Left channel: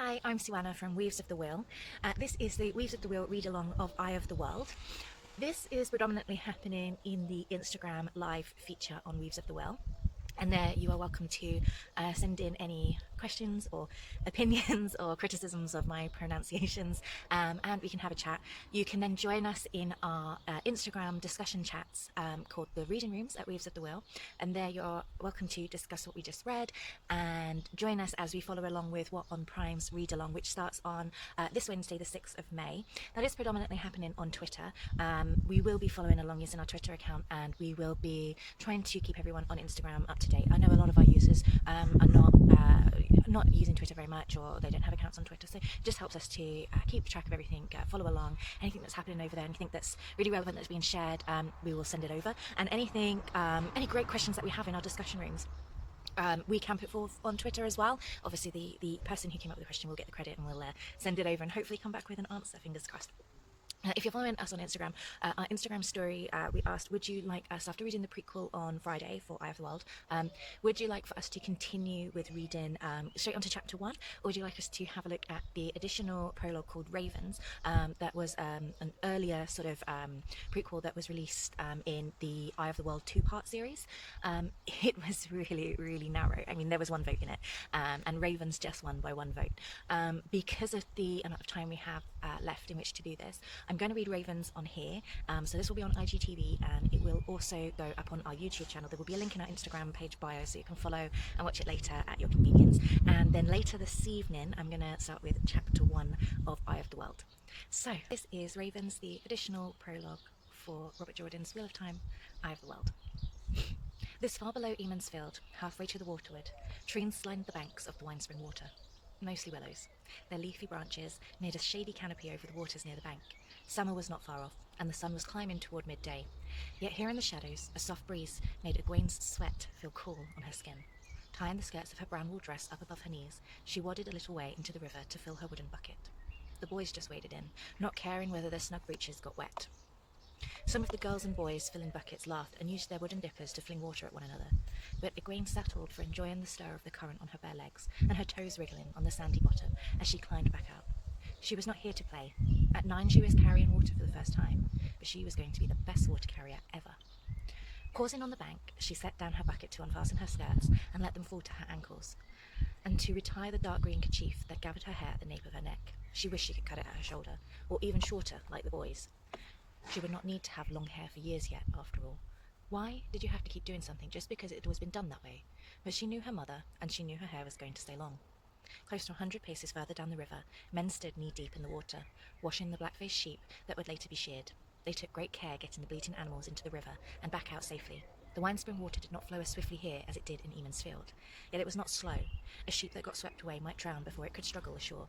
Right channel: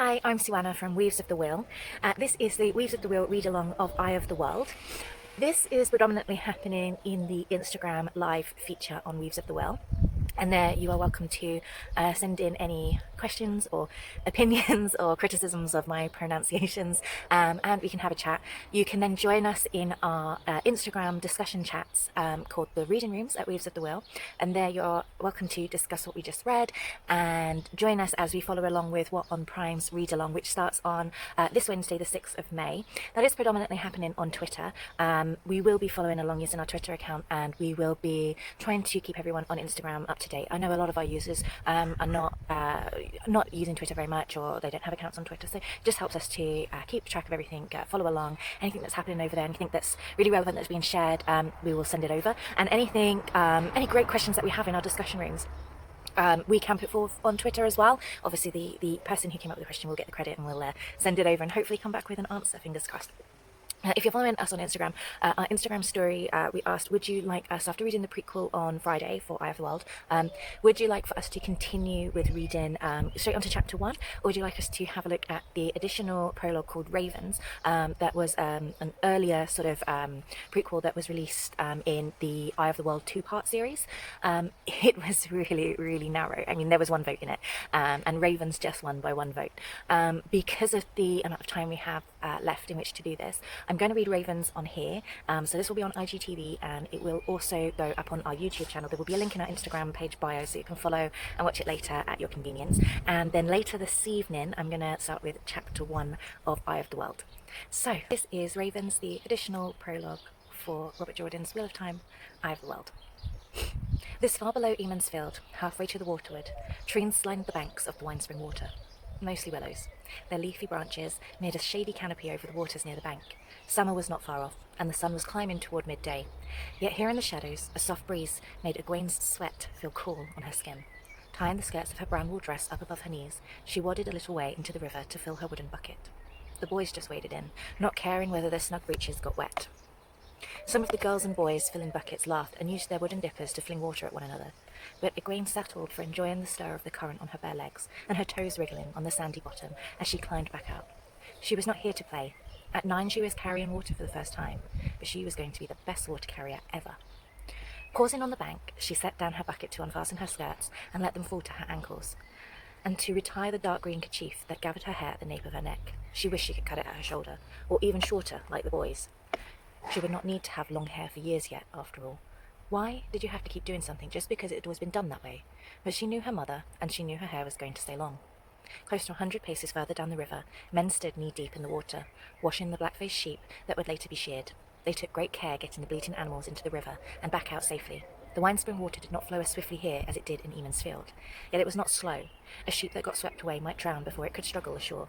Hi, I'm Suanna from Weaves of the Wheel. This is the Weaves of the Wheel read-along of Eye of the World. This is predominantly happening in the Instagram live feature on Weaves of the Wheel. And there you are welcome to send in any questions or opinions or criticisms of my pronunciations, and we can have a chat. You can then join us in our Instagram discussion chats called the Reading Rooms at Weaves of the Wheel, and there you're welcome to discuss what we just read and join us as we follow along with What on Prime's read along, which starts on this Wednesday the 6th of May. That is predominantly happening on Twitter. We will be following along using our Twitter account, and we will be trying to keep everyone on Instagram up to date. I know a lot of our users are not using Twitter very much, or they don't have accounts on Twitter, so it just helps us to keep track of everything, follow along, anything that's happening over there, anything that's really relevant that's being shared, we will send it over, and anything, any great questions that we have in our discussion rooms, we can put forth on Twitter as well. Obviously the person who came up with the question will get the credit, and we'll send it over and hopefully come back with an answer, fingers crossed. If you're following us on Instagram, our Instagram story, we asked, would you like us, after reading the prequel on Friday for Eye of the World, would you like for us to continue with reading straight on to chapter 1, or would you like us to have a look at the additional prologue called Ravens, that was an earlier sort of prequel that was released in the Eye of the World 2-part series. It was really, really narrow. I mean, there was one vote in it, and Ravens just won by one vote. Because of the amount of time we have left in which to do this, I'm going to read Ravens on here, so this will be on IGTV, and it will also go up on our YouTube channel. There will be a link in our Instagram page bio, so you can follow and watch it later at your convenience. And then later this evening, I'm going to start with chapter 1 of Eye of the World. So this is Ravens, the additional prologue for Robert Jordan's Wheel of Time, Eye of the World. This far below Eamon's Field, halfway to the waterward, trees lined the banks of the Winespring Water. Mostly willows. Their leafy branches made a shady canopy over the waters near the bank. Summer was not far off, and the sun was climbing toward midday. Yet here in the shadows, a soft breeze made Egwene's sweat feel cool on her skin. Tying the skirts of her brown wool dress up above her knees, she waded a little way into the river to fill her wooden bucket. The boys just waded in, not caring whether their snug breeches got wet. Some of the girls and boys filling buckets laughed and used their wooden dippers to fling water at one another, but Egwene settled for enjoying the stir of the current on her bare legs and her toes wriggling on the sandy bottom as she climbed back out. She was not here to play. At 9 she was carrying water for the first time, but she was going to be the best water carrier ever. Pausing on the bank, she set down her bucket to unfasten her skirts and let them fall to her ankles, and to retie the dark green kerchief that gathered her hair at the nape of her neck. She wished she could cut it at her shoulder, or even shorter, like the boys. She would not need to have long hair for years yet, after all. Why did you have to keep doing something just because it had always been done that way? But she knew her mother, and she knew her hair was going to stay long. Close to 100 paces further down the river, men stood knee-deep in the water, washing the black-faced sheep that would later be sheared. They took great care getting the bleating animals into the river and back out safely. The Winespring water did not flow as swiftly here as it did in Eamon's Field, yet it was not slow. A sheep that got swept away might drown before it could struggle ashore.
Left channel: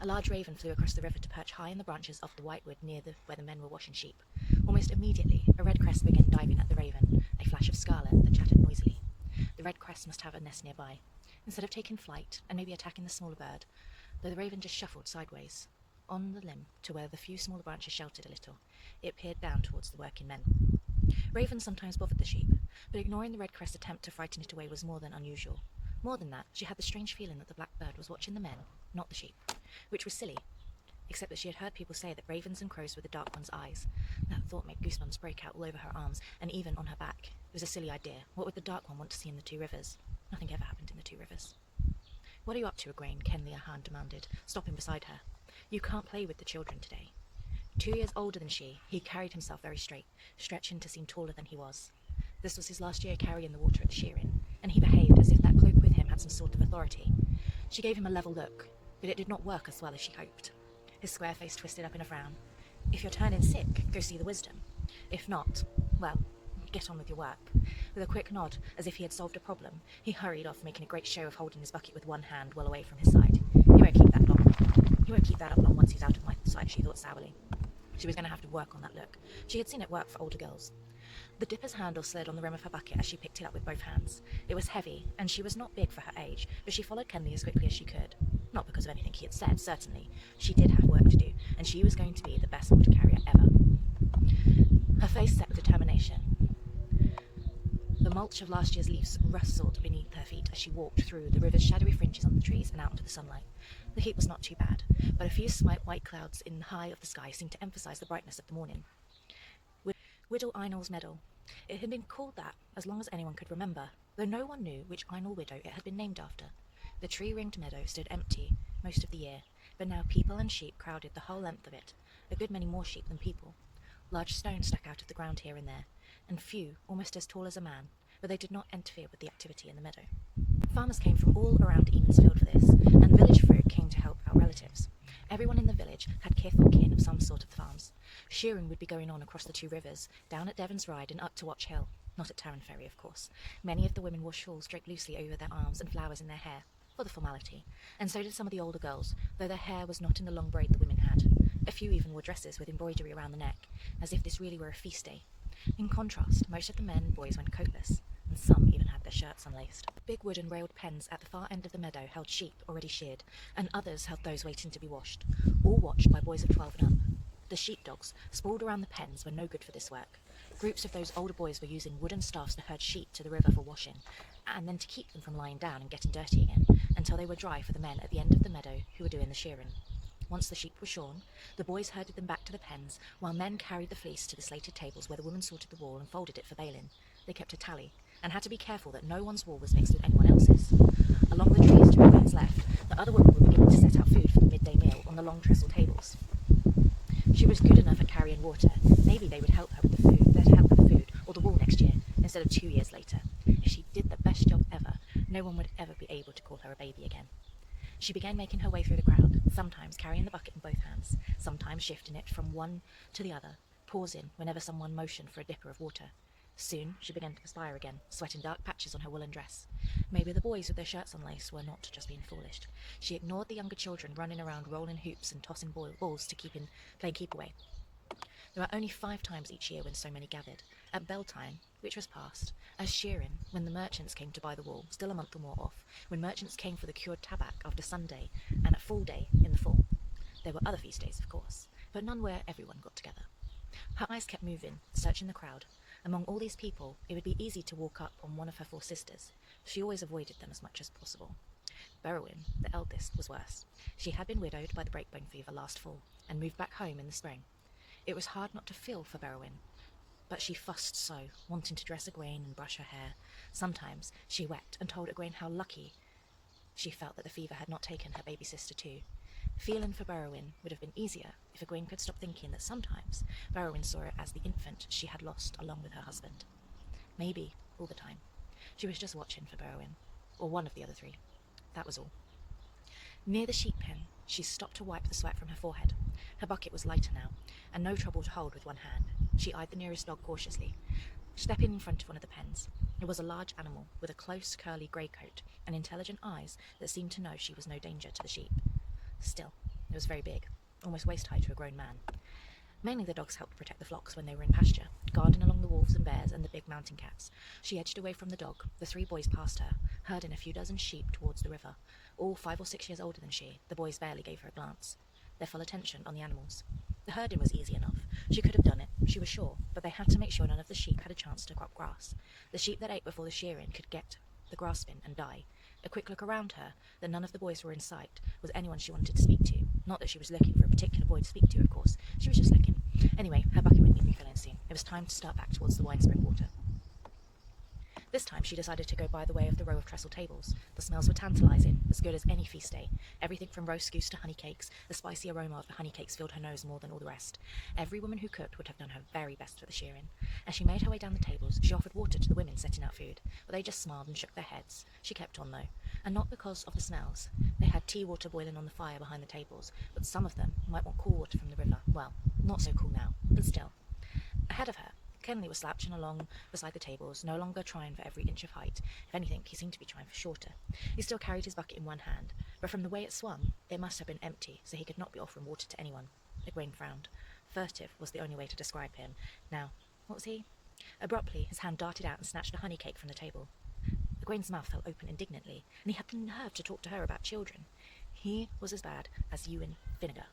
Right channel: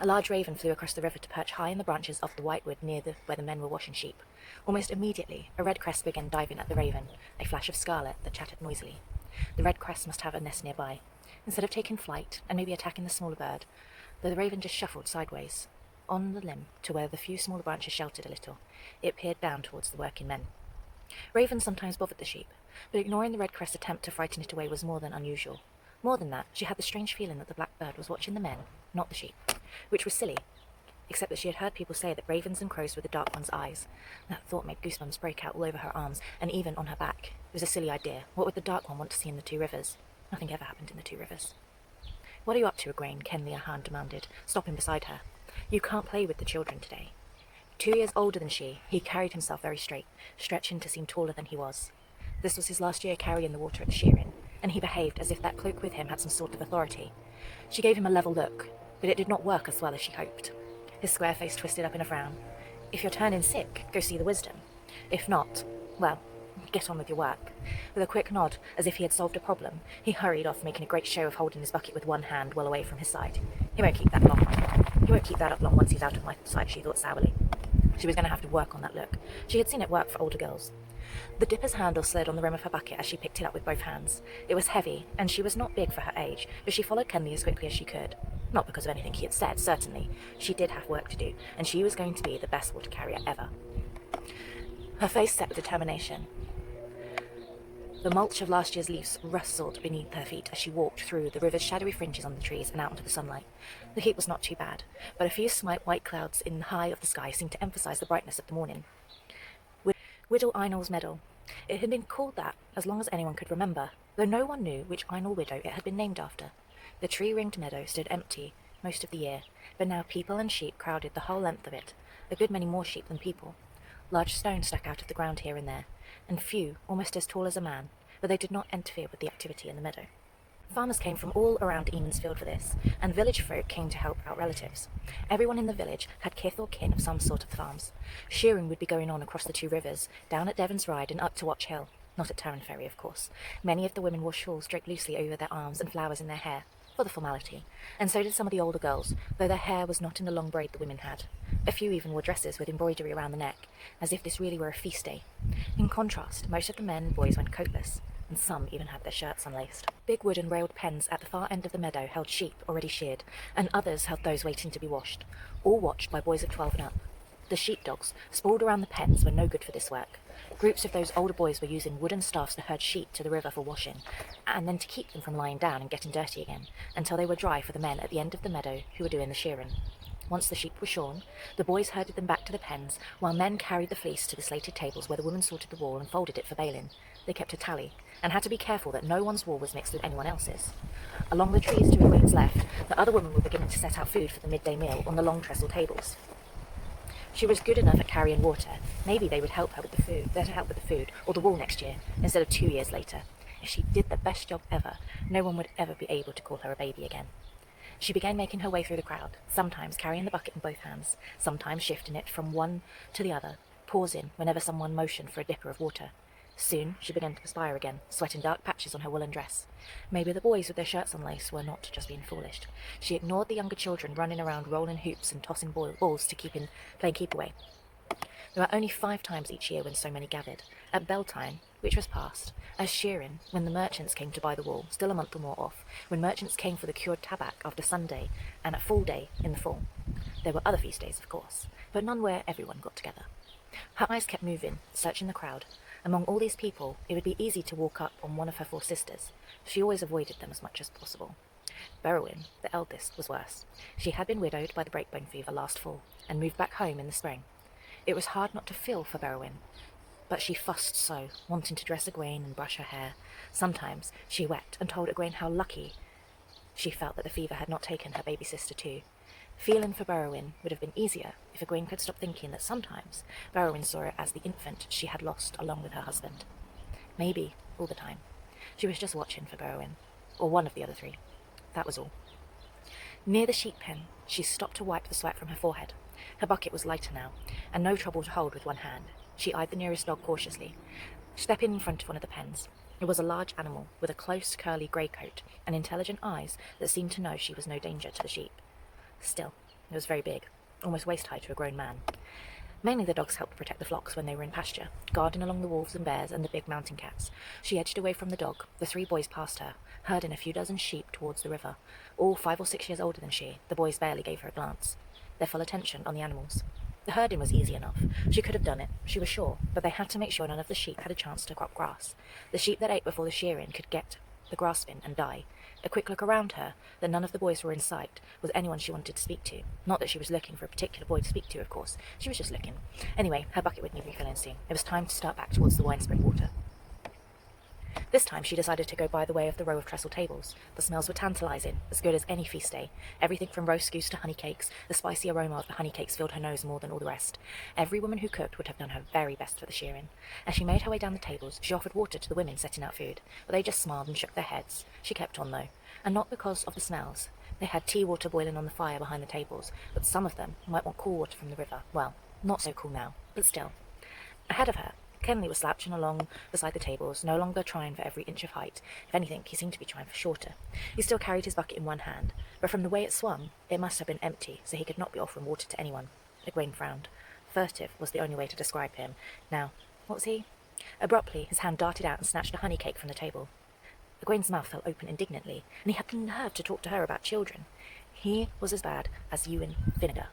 A large raven flew across the river to perch high in the branches of the whitewood near where the men were washing sheep. Almost immediately, a red crest began diving at the raven, a flash of scarlet that chattered noisily. The red crest must have a nest nearby. Instead of taking flight and maybe attacking the smaller bird, the raven just shuffled sideways, on the limb to where the few smaller branches sheltered a little. It peered down towards the working men. Ravens sometimes bothered the sheep, but ignoring the red crest's attempt to frighten it away was more than unusual. More than that, she had the strange feeling that the black bird was watching the men, not the sheep, which was silly, except that she had heard people say that ravens and crows were the Dark One's eyes. That thought made goosebumps break out all over her arms, and even on her back. It was a silly idea. What would the Dark One want to see in the two rivers? Nothing ever happened in the two rivers. "What are you up to, Egwene?" Ken the Ahan demanded, stopping beside her. "You can't play with the children today." 2 years older than she, he carried himself very straight, stretching to seem taller than he was. This was his last year carrying the water at the shearing, and he behaved as if that cloak with him had some sort of authority. She gave him a level look, but it did not work as well as she hoped. His square face twisted up in a frown. "If you're turning sick, go see the wisdom. If not, well, get on with your work." With a quick nod, as if he had solved a problem, he hurried off, making a great show of holding his bucket with one hand well away from his side. He won't keep that up long once he's out of my sight, she thought sourly. She was going to have to work on that look. She had seen it work for older girls. The dipper's handle slid on the rim of her bucket as she picked it up with both hands. It was heavy, and she was not big for her age, but she followed Kenley as quickly as she could. Not because of anything he had said, certainly. She did have work to do, and she was going to be the best water carrier ever. Her face set with determination. The mulch of last year's leaves rustled beneath her feet as she walked through the river's shadowy fringes on the trees and out into the sunlight. The heat was not too bad, but a few slight white clouds in the high of the sky seemed to emphasize the brightness of the morning. Widow Einol's Meadow. It had been called that as long as anyone could remember, though no one knew which Einol widow it had been named after. The tree-ringed meadow stood empty most of the year, but now people and sheep crowded the whole length of it, a good many more sheep than people. Large stones stuck out of the ground here and there, and few, almost as tall as a man, but they did not interfere with the activity in the meadow. Farmers came from all around Eamondsfield for this, and village folk came to help out relatives. Everyone in the village had kith or kin of some sort of the farms. Shearing would be going on across the two rivers, down at Devon's Ride and up to Watch Hill. Not at Tarrant Ferry, of course. Many of the women wore shawls draped loosely over their arms and flowers in their hair, for the formality, and so did some of the older girls, though their hair was not in the long braid the women had. A few even wore dresses with embroidery around the neck, as if this really were a feast day. In contrast, most of the men and boys went coatless, and some even had their shirts unlaced. Big wooden railed pens at the far end of the meadow held sheep already sheared, and others held those waiting to be washed, all watched by boys of 12 and up. The sheepdogs, sprawled around the pens, were no good for this work. Groups of those older boys were using wooden staffs to herd sheep to the river for washing, and then to keep them from lying down and getting dirty again, until they were dry for the men at the end of the meadow who were doing the shearing. Once the sheep were shorn, the boys herded them back to the pens, while men carried the fleece to the slated tables where the women sorted the wool and folded it for baling. They kept a tally, and had to be careful that no one's wool was mixed with anyone else's. Along the trees to Egwene's left, the other women were beginning to set out food for the midday meal on the long trestle tables. She was good enough at carrying water. Maybe they would help her with the food, or the wool next year, instead of 2 years later. If she did the best job ever, no one would ever be able to call her a baby again. She began making her way through the crowd, sometimes carrying the bucket in both hands, sometimes shifting it from one to the other, pausing whenever someone motioned for a dipper of water. Soon she began to perspire again, sweating dark patches on her woolen dress. Maybe the boys with their shirts unlaced were not just being foolish. She ignored the younger children running around rolling hoops and tossing balls to playing keep away. There were only 5 times each year when so many gathered. At bell time, which was past, as shearing, when the merchants came to buy the wool, still a month or more off, when merchants came for the cured tabac after Sunday, and at Fall Day in the fall. There were other feast days, of course, but none where everyone got together. Her eyes kept moving, searching the crowd. Among all these people, it would be easy to walk up on one of her 4 sisters. She always avoided them as much as possible. Berowyn, the eldest, was worse. She had been widowed by the breakbone fever last fall, and moved back home in the spring. It was hard not to feel for Berowyn, but she fussed so, wanting to dress Egwene and brush her hair. Sometimes she wept and told Egwene how lucky she felt that the fever had not taken her baby sister too. Feeling for Berowyn would have been easier if Egwene could stop thinking that sometimes Berowyn saw it as the infant she had lost along with her husband. Maybe all the time. She was just watching for Berowyn, or one of the other 3. That was all. Near the sheep pen, she stopped to wipe the sweat from her forehead. Her bucket was lighter now, and no trouble to hold with one hand. She eyed the nearest dog cautiously, stepping in front of one of the pens. It was a large animal with a close, curly grey coat and intelligent eyes that seemed to know she was no danger to the sheep. Still, it was very big, almost waist-high to a grown man. Mainly the dogs helped protect the flocks when they were in pasture, guarding along the wolves and bears and the big mountain cats. She edged away from the dog. The 3 boys passed her, herding a few dozen sheep towards the river. All 5 or 6 years older than she, the boys barely gave her a glance, their full attention on the animals. The herding was easy enough. She could have done it, she was sure, but they had to make sure none of the sheep had a chance to crop grass. The sheep that ate before the shearing could get the grass bin and die. A quick look around her, that none of the boys were in sight, was anyone she wanted to speak to. Not that she was looking for a particular boy to speak to, of course. She was just looking. Anyway, her bucket would need refilling soon. It was time to start back towards the wine spring water. This time she decided to go by the way of the row of trestle tables. The smells were tantalizing, as good as any feast day. Everything from roast goose to honey cakes, the spicy aroma of the honey cakes filled her nose more than all the rest. Every woman who cooked would have done her very best for the shearing. As she made her way down the tables, she offered water to the women setting out food, but they just smiled and shook their heads. She kept on, though, and not because of the smells. They had tea water boiling on the fire behind the tables, but some of them might want cool water from the river. Well, not so cool now, but still. Ahead of her, Kenley was slouching along beside the tables, no longer trying for every inch of height. If anything, he seemed to be trying for shorter. He still carried his bucket in one hand, but from the way it swung, it must have been empty, so he could not be offering water to anyone. Egwene frowned. Furtive was the only way to describe him. Now, what was he? Abruptly, his hand darted out and snatched a honey cake from the table. Egwene's mouth fell open indignantly, and he had the nerve to talk to her about children. He was as bad as Ewan Vinegar.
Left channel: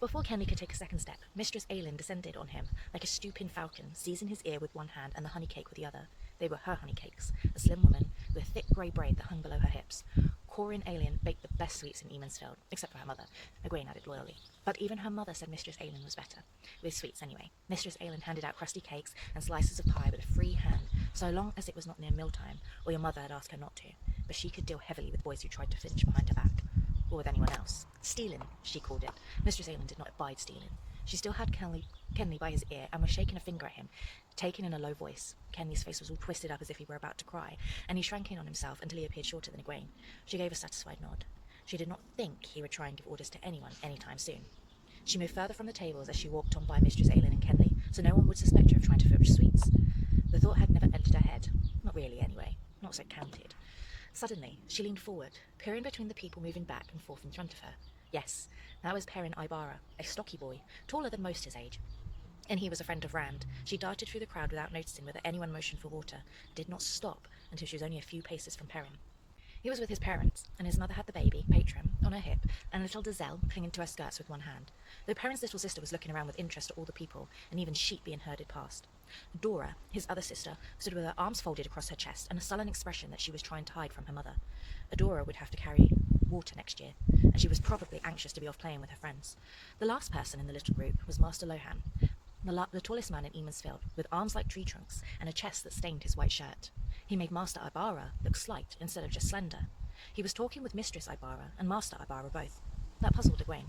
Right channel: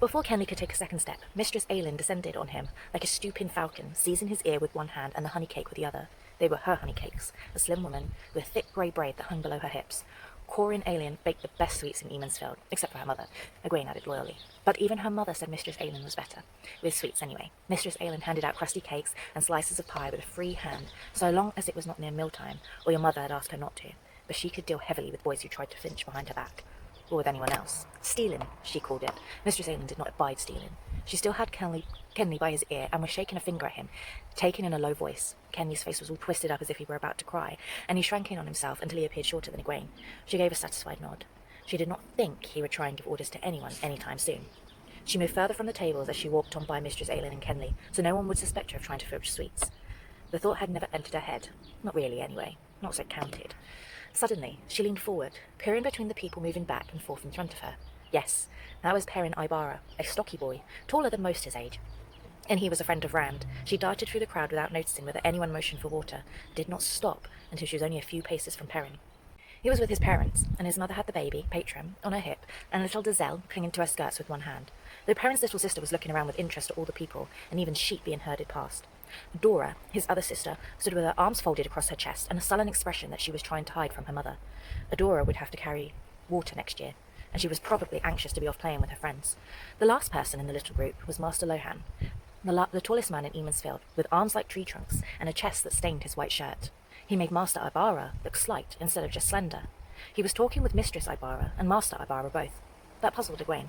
Before Kenley could take a second step, Mistress Aylin descended on him like a stooping falcon, seizing his ear with one hand and the honey cake with the other. They were her honey cakes, a slim woman with thick grey braid that hung below her hips. Corin Aylin baked the best sweets in Emansfield, except for her mother, Egwene added loyally. But even her mother said Mistress Aylin was better. With sweets anyway. Mistress Aylin handed out crusty cakes and slices of pie with a free hand, so long as it was not near mealtime, or your mother had asked her not to. But she could deal heavily with boys who tried to flinch behind her back. Or with anyone else. Stealing, she called it. Mistress Aylin did not abide stealing. She still had Kenley by his ear and was shaking a finger at him, taken in a low voice. Kenley's face was all twisted up as if he were about to cry, and he shrank in on himself until he appeared shorter than Egwene. She gave a satisfied nod. She did not think he would try and give orders to anyone anytime soon. She moved further from the tables as she walked on by Mistress Aylin and Kenley, so no one would suspect her of trying to filch sweets. The thought had never entered her head. Not really, anyway. Not so it counted. Suddenly, she leaned forward, peering between the people moving back and forth in front of her. Yes, that was Perrin Ibarra, a stocky boy, taller than most his age. And he was a friend of Rand. She darted through the crowd without noticing whether anyone motioned for water, did not stop until she was only a few paces from Perrin. He was with his parents, and his mother had the baby, Patron, on her hip, and little Dazelle clinging to her skirts with one hand, though Perrin's little sister was looking around with interest at all the people, and even sheep being herded past. Dora, his other sister, stood with her arms folded across her chest and a sullen expression that she was trying to hide from her mother. Adora would have to carry water next year, and she was probably anxious to be off playing with her friends. The last person in the little group was Master Lohan, the tallest man in Emansfield, with arms like tree trunks and a chest that stained his white shirt. He made Master Ibarra look slight instead of just slender. He was talking with Mistress Ibarra and Master Ibarra both. That puzzled Egwene.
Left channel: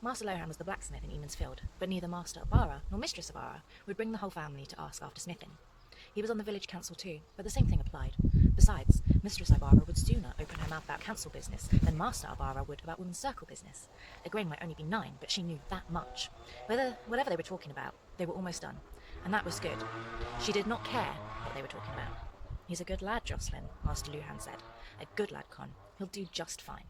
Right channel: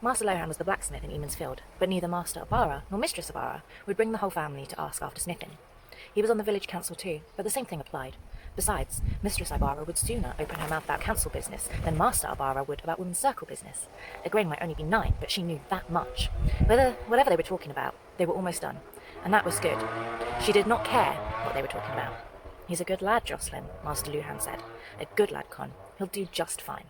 Master Lohan was the blacksmith in Emansfield, but neither Master Ibarra nor Mistress Ibarra would bring the whole family to ask after smithing. He was on the village council too, but the same thing applied. Besides, Mistress Ibarra would sooner open her mouth about council business than Master Ibarra would about women's circle business. Egwene might only be 9, but she knew that much. Whatever they were talking about, they were almost done, and that was good. She did not care what they were talking about. He's a good lad, Jocelyn, Master Luhan said. A good lad, Con. He'll do just fine.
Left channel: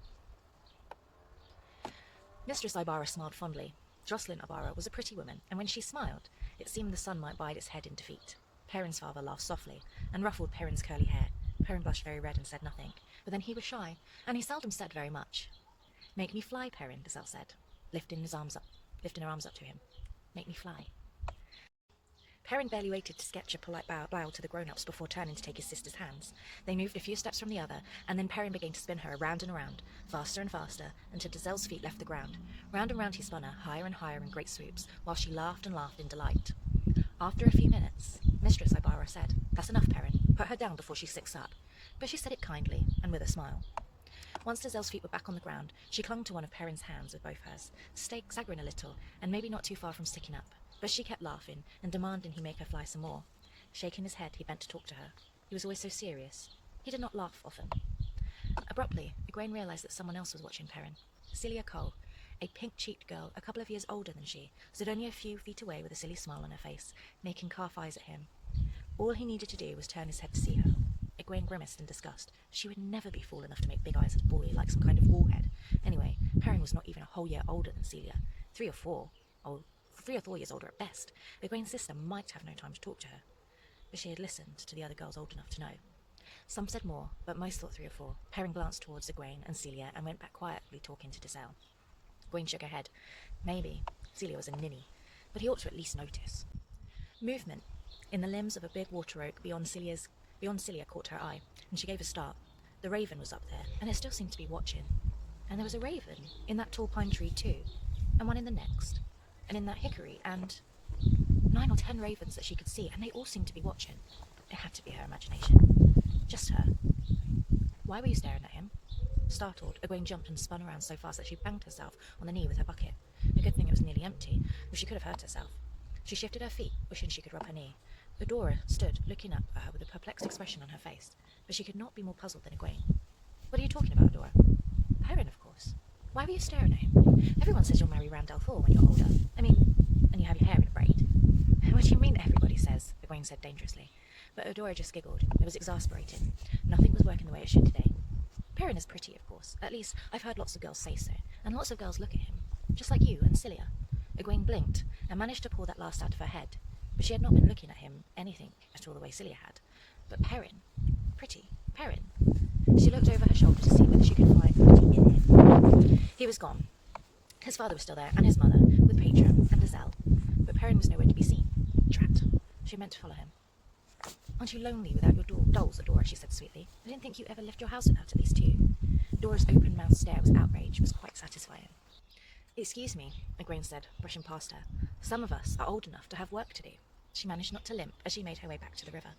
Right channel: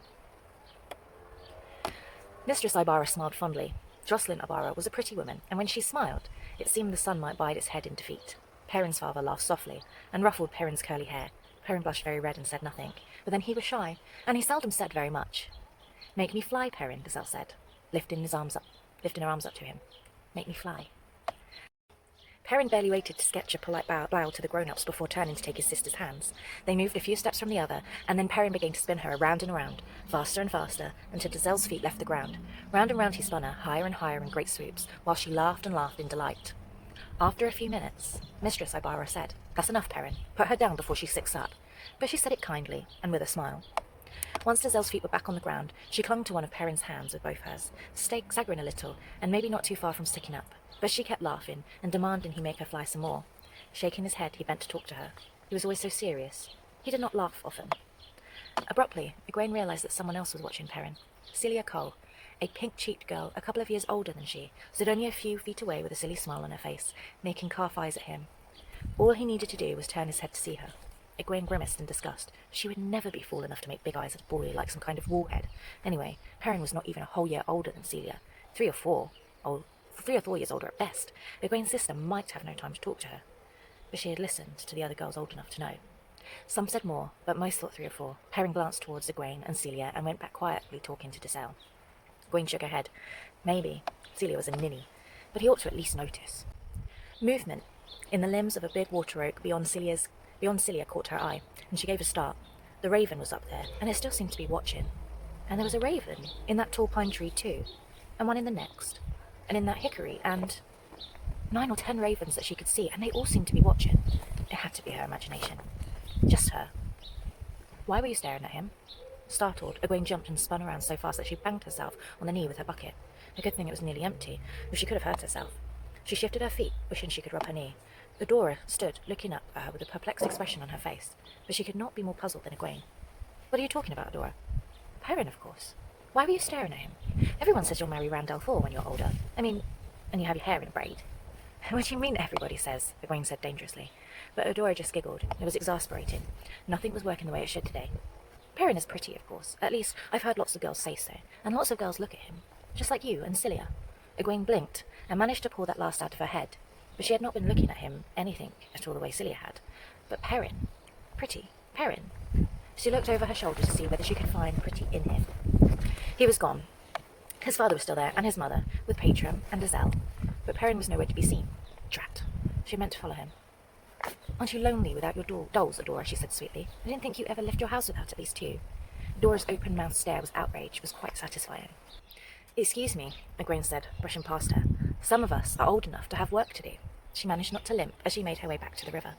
Mistress Ibarra smiled fondly. Jocelyn Ibarra was a pretty woman, and when she smiled, it seemed the sun might bide its head in defeat. Perrin's father laughed softly, and ruffled Perrin's curly hair. Perrin blushed very red and said nothing, but then he was shy, and he seldom said very much. "Make me fly, Perrin," Dazelle said, lifting her arms up to him. "Make me fly." Perrin barely waited to sketch a polite bow to the grown-ups before turning to take his sister's hands. They moved a few steps from the other, and then Perrin began to spin her around and around, faster and faster, until Dazelle's feet left the ground. Round and round he spun her, higher and higher in great swoops, while she laughed and laughed in delight. After a few minutes, Mistress Ibarra said, "That's enough, Perrin. Put her down before she sicks up." But she said it kindly, and with a smile. Once Dazelle's feet were back on the ground, she clung to one of Perrin's hands with both hers, staggering a little, and maybe not too far from sticking up. But she kept laughing, and demanding he make her fly some more. Shaking his head, he bent to talk to her. He was always so serious. He did not laugh often. Abruptly, Egwene realized that someone else was watching Perrin. Celia Cole, a pink-cheeked girl a couple of years older than she, stood only a few feet away with a silly smile on her face, making calf eyes at him. All he needed to do was turn his head to see her. Egwene grimaced in disgust. She would never be fool enough to make big eyes at a boy like some kind of warhead. Anyway, Perrin was not even a whole year older than Celia. 3 or 4 years older at best. Egwene's sister might have no time to talk to her. But she had listened to the other girls old enough to know. Some said more, but most thought 3 or 4. Perrin glanced towards Egwene and Celia and went back quietly talking to Dazelle. Egwene shook her head. Maybe Celia was a ninny, but he ought to at least notice. Movement in the limbs of a big water oak beyond Celia caught her eye, and she gave a start. The raven was up there, and it still seemed to be watching. And there was a raven in that tall pine tree too, and one in the next, and in that hickory, and 9 or 10 ravens that she could see, and they all seemed to be watching. It had to be her imagination. Just her. "Why were you staring at him?" Startled, Egwene jumped and spun around so fast that she banged herself on the knee with her bucket. A good thing it was nearly empty, or she could have hurt herself. She shifted her feet, wishing she could rub her knee. Adora stood, looking up at her with a perplexed expression on her face, but she could not be more puzzled than Egwene. "What are you talking about, Adora?" "Perrin, of course. Why were you staring at him? Everyone says you'll marry Randall Thor when you're older. I mean, and you have your hair in a braid." "What do you mean everybody says?" Egwene said dangerously. But Adora just giggled. It was exasperating. Nothing was working the way it should today. "Perrin is pretty, of course. At least, I've heard lots of girls say so, and lots of girls look at him. Just like you and Celia." Egwene blinked and managed to pull that last out of her head, but she had not been looking at him anything at all the way Celia had. But Perrin. Pretty. Perrin. She looked over her shoulder to see whether she could find pretty in him. He was gone. His father was still there, and his mother, with Patron and Gazelle, but Perrin was nowhere to be seen. Drat. She meant to follow him. Aren't you lonely without your dolls, Adora? She said sweetly. I didn't think you ever left your house without at least two. Adora's open-mouthed stare was outrage. It was quite satisfying. Excuse me, Egwene said, brushing past her. Some of us are old enough to have work to do. She managed not to limp as she made her way back to the river.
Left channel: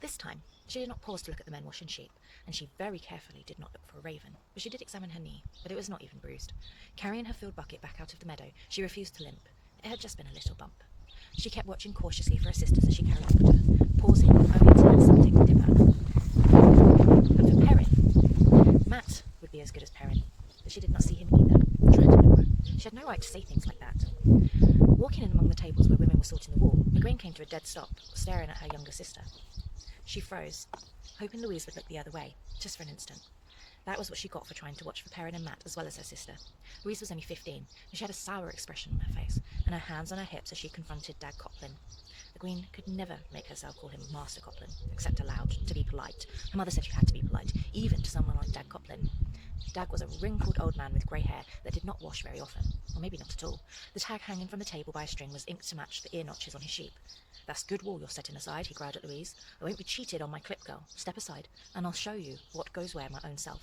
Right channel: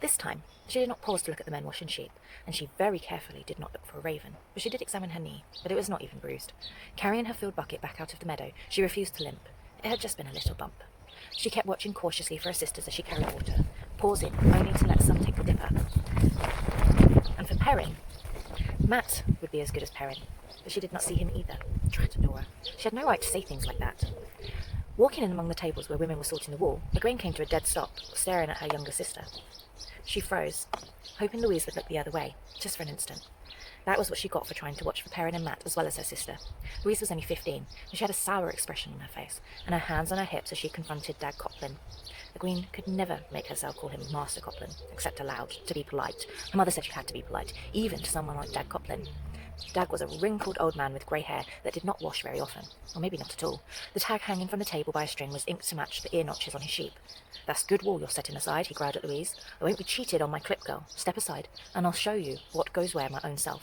This time, she did not pause to look at the men washing sheep, and she very carefully did not look for a raven, but she did examine her knee, but it was not even bruised. Carrying her filled bucket back out of the meadow, she refused to limp. It had just been a little bump. She kept watching cautiously for her sisters as she carried water, pausing only to let some take the dipper. And for Perrin, Matt would be as good as Perrin, but she did not see him either. Tried to ignore her. She had no right to say things like that. Walking in among the tables where women were sorting the wool, Egwene came to a dead stop, staring at her younger sister. She froze, hoping Louise would look the other way, just for an instant. That was what she got for trying to watch for Perrin and Matt as well as her sister. Louise was only 15, and she had a sour expression on her face, and her hands on her hips as she confronted Dag Copland. Egwene could never make herself call him Master Copland, except aloud, to be polite. Her mother said you had to be polite, even to someone like Dag Copland. Dag was a wrinkled old man with grey hair that did not wash very often, or maybe not at all. The tag hanging from the table by a string was inked to match the ear notches on his sheep. That's good wool you're setting aside, he growled at Louise. I won't be cheated on my clip, girl. Step aside, and I'll show you what goes where my own self.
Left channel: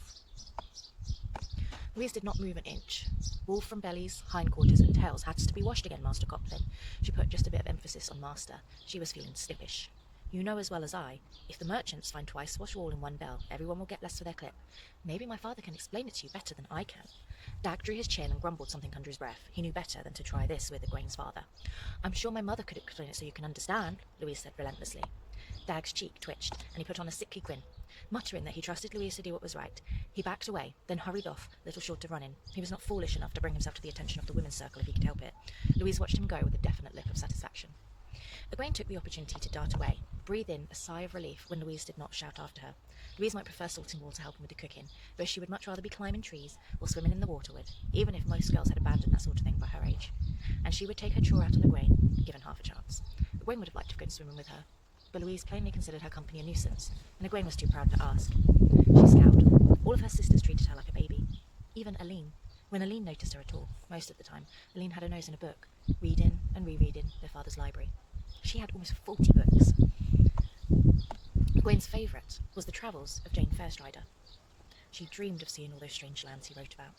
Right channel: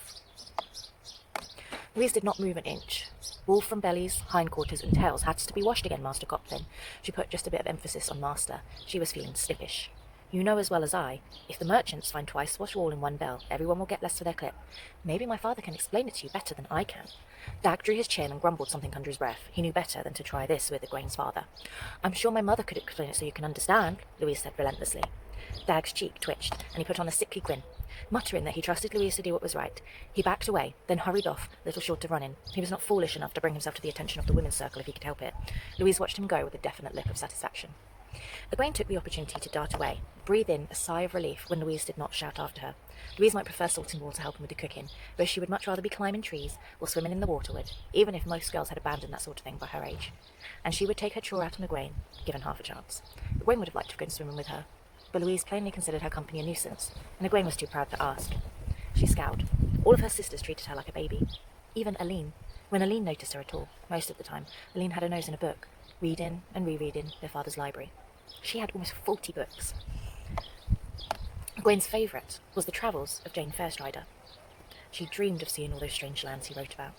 Louise did not move an inch. Wool from bellies, hindquarters, and tails had to be washed again, Master Copland. She put just a bit of emphasis on master. She was feeling snippish. You know as well as I, if the merchants find twice wash wool in one bell, everyone will get less for their clip. Maybe my father can explain it to you better than I can. Dag drew his chin and grumbled something under his breath. He knew better than to try this with Egwene's father. I'm sure my mother could explain it so you can understand, Louise said relentlessly. Dag's cheek twitched, and he put on a sickly grin. Muttering that he trusted Louise to do what was right, he backed away, then hurried off, little short of running. He was not foolish enough to bring himself to the attention of the women's circle if he could help it. Louise watched him go with a definite look of satisfaction. Egwene took the opportunity to dart away, breathe in a sigh of relief when Louise did not shout after her. Louise might prefer salting wool to help him with the cooking, but she would much rather be climbing trees or swimming in the waterwood, even if most girls had abandoned that sort of thing by her age. And she would take her chore out on Egwene, given half a chance. Egwene would have liked to have gone swimming with her, but Louise plainly considered her company a nuisance, and Egwene was too proud to ask. She scowled. All of her sisters treated her like a baby. Even Aline. When Aline noticed her at all, most of the time, Aline had her nose in a book, reading and rereading their father's library. She had almost 40 books. Egwene's favourite was the travels of Jane Fairstrider. She dreamed of seeing all those strange lands he wrote about.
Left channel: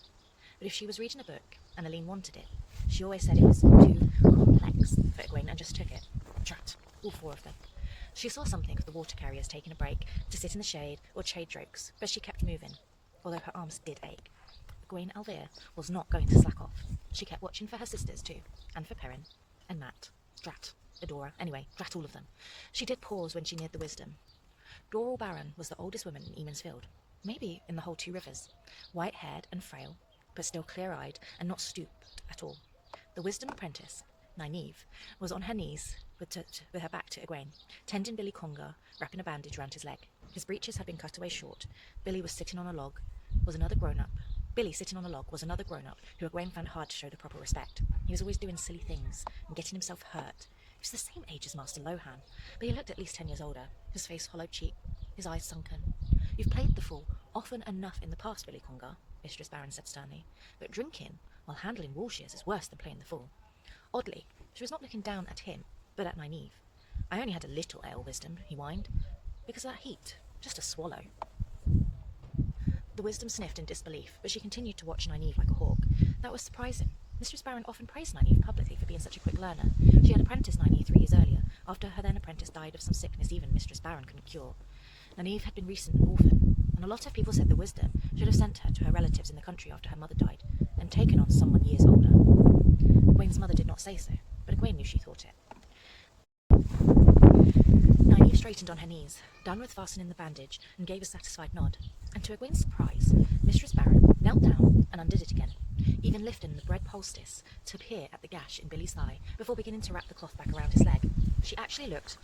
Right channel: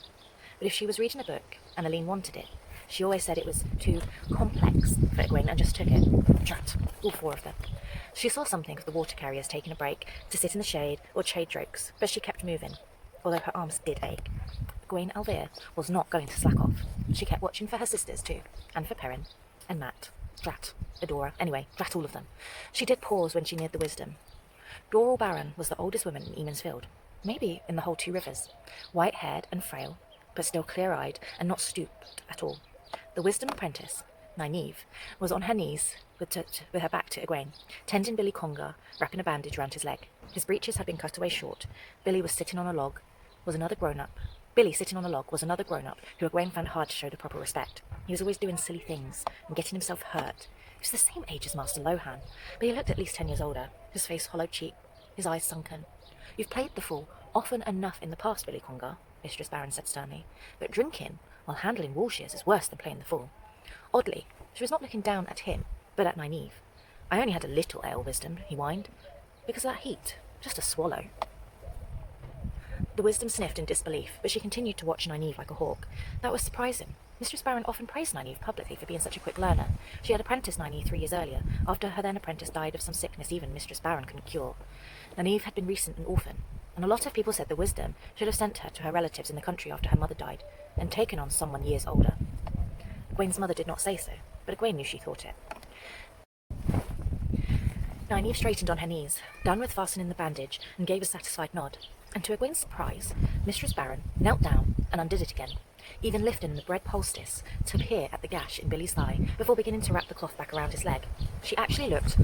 But if she was reading a book, and Aline wanted it, she always said it was too complex for Egwene and just took it. Drat, all 4 of them. She saw something of the water carriers taking a break to sit in the shade or trade jokes, but she kept moving, although her arms did ache. Egwene Alvear was not going to slack off. She kept watching for her sisters too, and for Perrin, and Matt, Drat, Adora, anyway, drat all of them. She did pause when she neared the wisdom. Doral Barron was the oldest woman in Emansfield, maybe in the whole 2 rivers, white-haired and frail, but still clear-eyed and not stooped at all. The wisdom apprentice, Nynaeve, was on her knees with her back to Egwene, tending Billy Congar, wrapping a bandage round his leg. His breeches had been cut away short. Billy sitting on a log was another grown-up who Egwene found hard to show the proper respect. He was always doing silly things and getting himself hurt. He was the same age as Master Lohan, but he looked at least 10 years older, his face hollow-cheeked, his eyes sunken. You've played the fool often enough in the past, Billy Congar, Mistress Barron said sternly, but drinking while handling wool shears is worse than playing the fool. Oddly, she was not looking down at him, but at Nynaeve. I only had a little ale, wisdom, he whined. Because of that heat. Just a swallow. The wisdom sniffed in disbelief, but she continued to watch Nynaeve like a hawk. That was surprising. Mistress Barron often praised Nynaeve publicly for being such a quick learner. She had apprenticed Nynaeve 3 years earlier, after her then apprentice died of some sickness even Mistress Barron couldn't cure. Nynaeve had been recently an orphan, and a lot of people said the wisdom should have sent her to her relatives in the country after her mother died, and taken on someone years older. Egwene's mother did not say so, but Egwene knew she thought it. Nynaeve straightened on her knees, done with fastening the bandage, and gave a satisfied nod. And to Egwene's surprise, Mistress Barron knelt down and undid it again, even lifting the bread poultice to peer at the gash in Billy's thigh before beginning to wrap the cloth back around his leg. She actually looked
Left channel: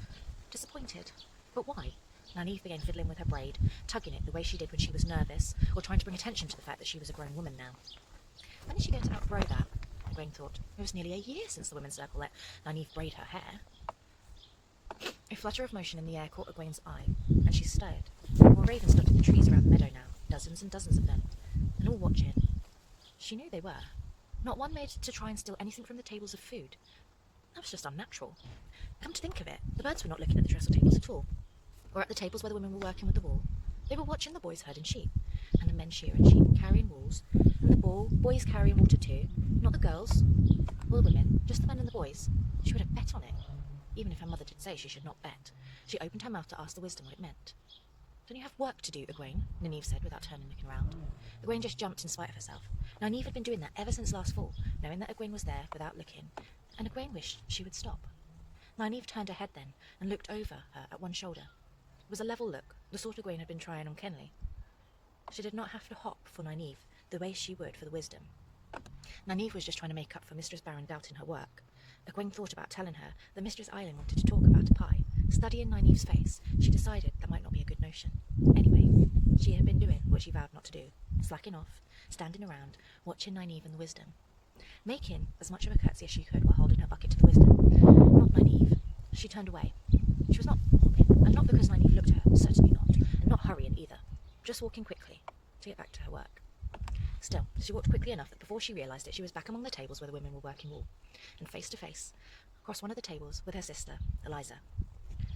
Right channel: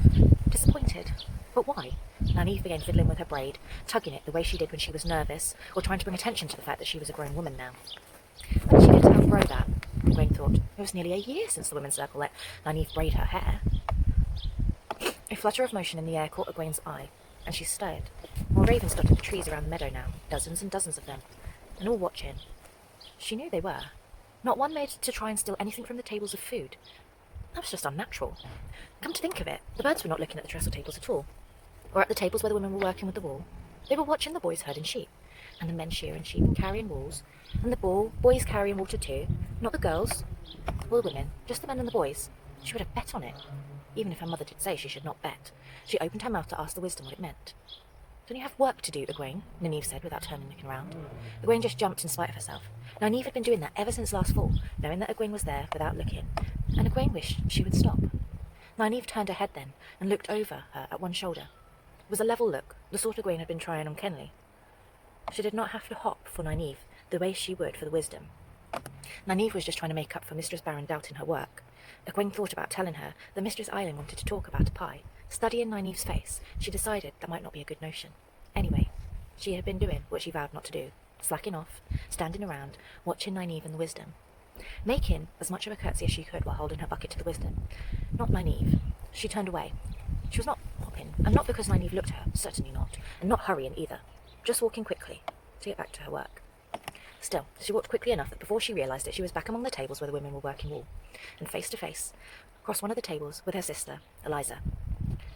disappointed. But why? Nynaeve began fiddling with her braid, tugging it the way she did when she was nervous, or trying to bring attention to the fact that she was a grown woman now. When did she get to outgrow that? Egwene thought. It was nearly a year since the women's circle let Nynaeve braid her hair. A flutter of motion in the air caught Egwene's eye, and she stirred. More ravens dotted the trees around the meadow now, dozens and dozens of them, and all watching. She knew they were. Not one made to try and steal anything from the tables of food. That was just unnatural. Come to think of it, the birds were not looking at the trestle tables at all, or at the tables where the women were working with the wool. They were watching the boys herding sheep, and the men shearing sheep and carrying wools, and the boys carrying water too. Not the girls, or the women, just the men and the boys. She would have bet on it, even if her mother did say she should not bet. She opened her mouth to ask the wisdom what it meant. Don't you have work to do, Egwene? Nynaeve said without turning and looking round. Egwene just jumped in spite of herself. Nynaeve had been doing that ever since last fall, knowing that Egwene was there without looking, and Egwene wished she would stop. Nynaeve turned her head then and looked over her at one shoulder. It was a level look, the sort Egwene had been trying on Kenley. She did not have to hop for Nynaeve the way she would for the wisdom. Nynaeve was just trying to make up for Mistress Barron doubting her work. Egwene thought about telling her that Mistress Eiling wanted to talk about a pie. Studying Nynaeve's face, she decided that might not be a good notion. Anyway, she had been doing what she vowed not to do, slacking off, standing around, watching Nynaeve and the wisdom, making as much of a curtsy as she could while holding her bucket to the wisdom. Not Nynaeve. She turned away. She was not hopping, and not because Nynaeve looked at her, certainly not, and not hurrying either, just walking quickly to get back to her work. Still, she walked quickly enough that before she realised it, she was back among the tables where the women were working wool, and face to face, across one of the tables with her sister, Eliza.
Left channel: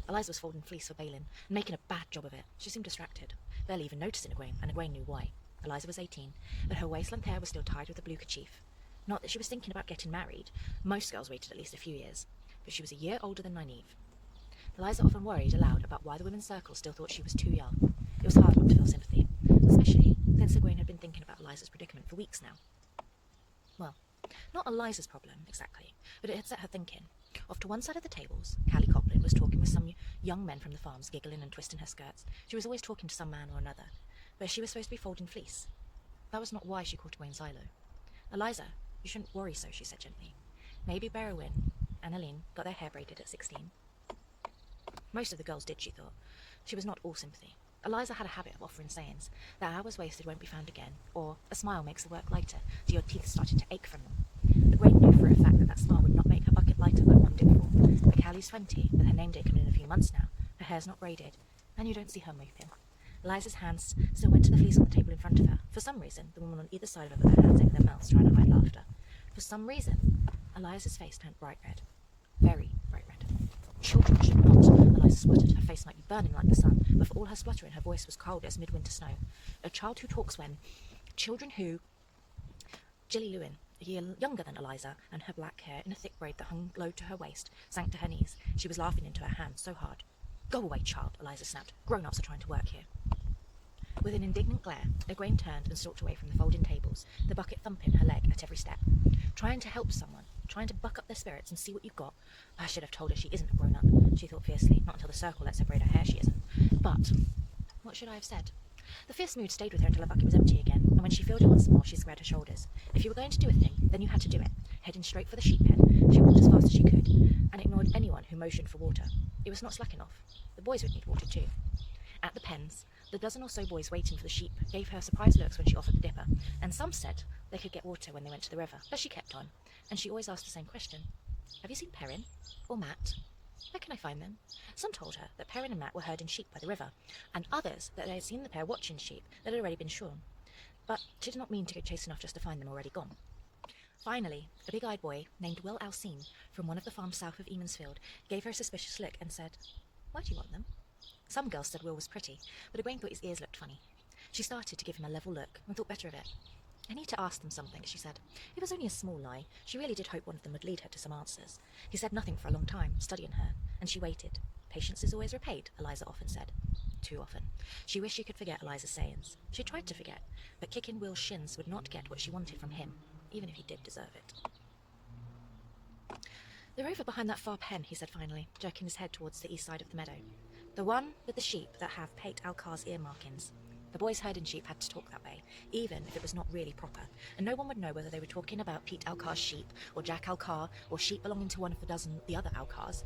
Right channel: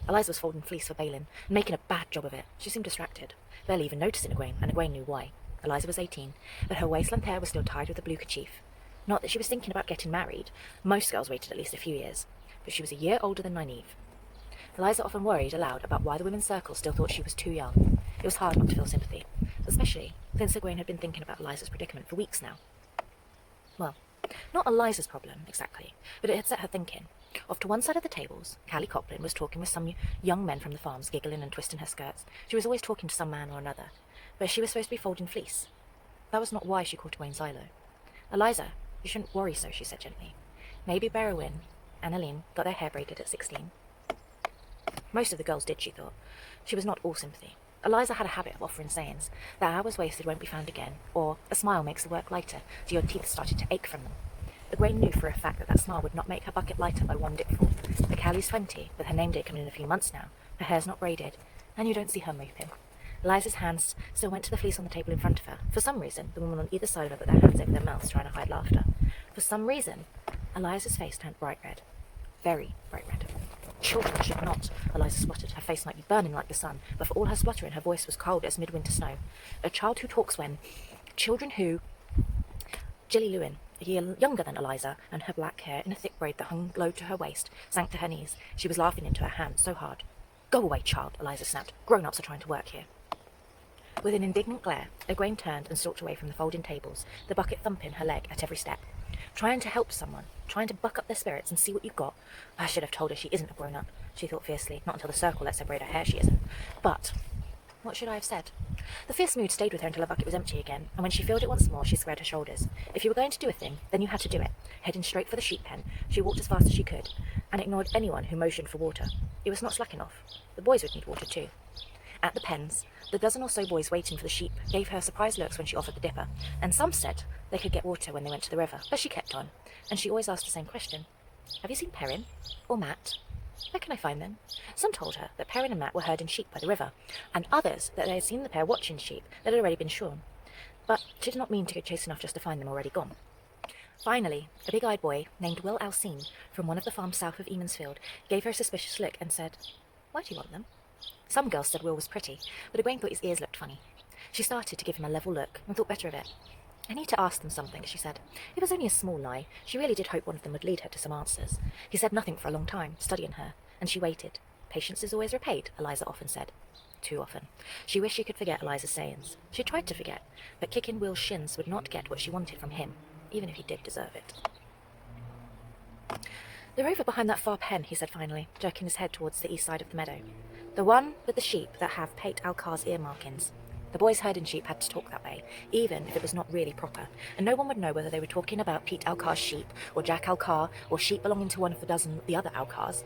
Eliza was folding fleece for Balin, and making a bad job of it. She seemed distracted, barely even noticing Egwene, and Egwene knew why. Eliza was 18, but her waist-length hair was still tied with a blue kerchief. Not that she was thinking about getting married. Most girls waited at least a few years, but she was a year older than Nynaeve. Eliza often worried aloud about why the women's circle still thought she was too young. It was hard not to feel sympathy, especially since Egwene had been thinking about Eliza's predicament for weeks now. Well, not Eliza's problem, exactly, but it had set her thinking. Off to one side of the tables, Callie Coplin was talking with some young men from the farms, giggling and twisting her skirts. She was always talking to some man or another, but she was supposed to be folding fleece. That was not why she called Egwene Xylo. Eliza, you shouldn't worry so, she said gently. Maybe Berowyn and Aline got their hair braided at 16. Most of the girls did, she thought. She was not all sympathy. Eliza had a habit of offering sayings, that hours wasted won't be found again, or a smile makes the work lighter, so your teeth started to ache from them. Egwene knew for a fact that smile would not make her bucket lighter by one dipful. But Callie's 20, with her name date coming in a few months now, her hair's not braided, and you don't see her moping. Eliza's hands still went to the fleece on the table in front of her. For some reason, the woman on either side of her put their hands over their mouths, trying to hide laughter. For some reason, Eliza's face turned bright red. Very bright red. Children should not, Eliza spluttered. Her face might be burning like the sun, but for all her spluttering, her voice was cold as midwinter snow. A child who talks when... Children who... Jilly Lewin, a year younger than Eliza, and her black hair in a thick braid that hung low to her waist, sank to her knees. She was laughing into her hands so hard. Go away, child, Eliza snapped. Grown-ups are trying to work here. With an indignant glare, Egwene turned and stalked away from the folding tables, the bucket thumping her leg at every step. Trying to help someone, trying to buck up their spirits and see what you've got. I should have told her she isn't a grown-up, she thought fiercely. Not until the circle lets her braid her hair she isn't. But what should I have said? The fierce mood stayed with her until her bucket was empty again, and when she filled it once more, she squared her shoulders. If you were going to do a thing, then you had to do it. Heading straight for the sheep pen, she walked as fast as she could, and ignored anyone who motioned for water. It was not slacking off. The boys would need water too. At the pens, the dozen or so boys waiting for the sheep gave her surprised looks when she offered the dipper, and some said they could get water when they went to the river, but she kept on, and she always asked the same question. Have you seen Perrin? Or Matt? Where can I find them? Some told her that Perrin and Matt were herding sheep by the river, and others that they had seen the pair watching sheep that had already been shorn. But she did not mean to go chase enough just to find them already gone. Finally, a big-eyed boy named Will Alcine from one of the farms south of Emansfield gave her a suspicious look and said, Why do you want them? Some girls said Will was pretty, but Egwene thought his ears looked funny. She started to give him a level look and thought better of it. I need to ask them something, she said. It was only a small lie. She really did hope one of them would lead her to some answers. He said nothing for a long time, studying her, and she waited. Patience is always repaid, Eliza often said. Too often. She wished she could forget Eliza's sayings. She tried to forget, but kicking Will's shins would not get what she wanted from him, even if he did deserve it. They're over behind that far pen, he said finally, jerking his head towards the east side of the meadow. The one with the sheep that have Pate Alcar's ear markings. The boys herding sheep had to talk that way, even if it was not really proper, and no one would know whether they were talking about Pete Alcar's sheep, or Jack Alcar, or sheep belonging to one of the other Alcars.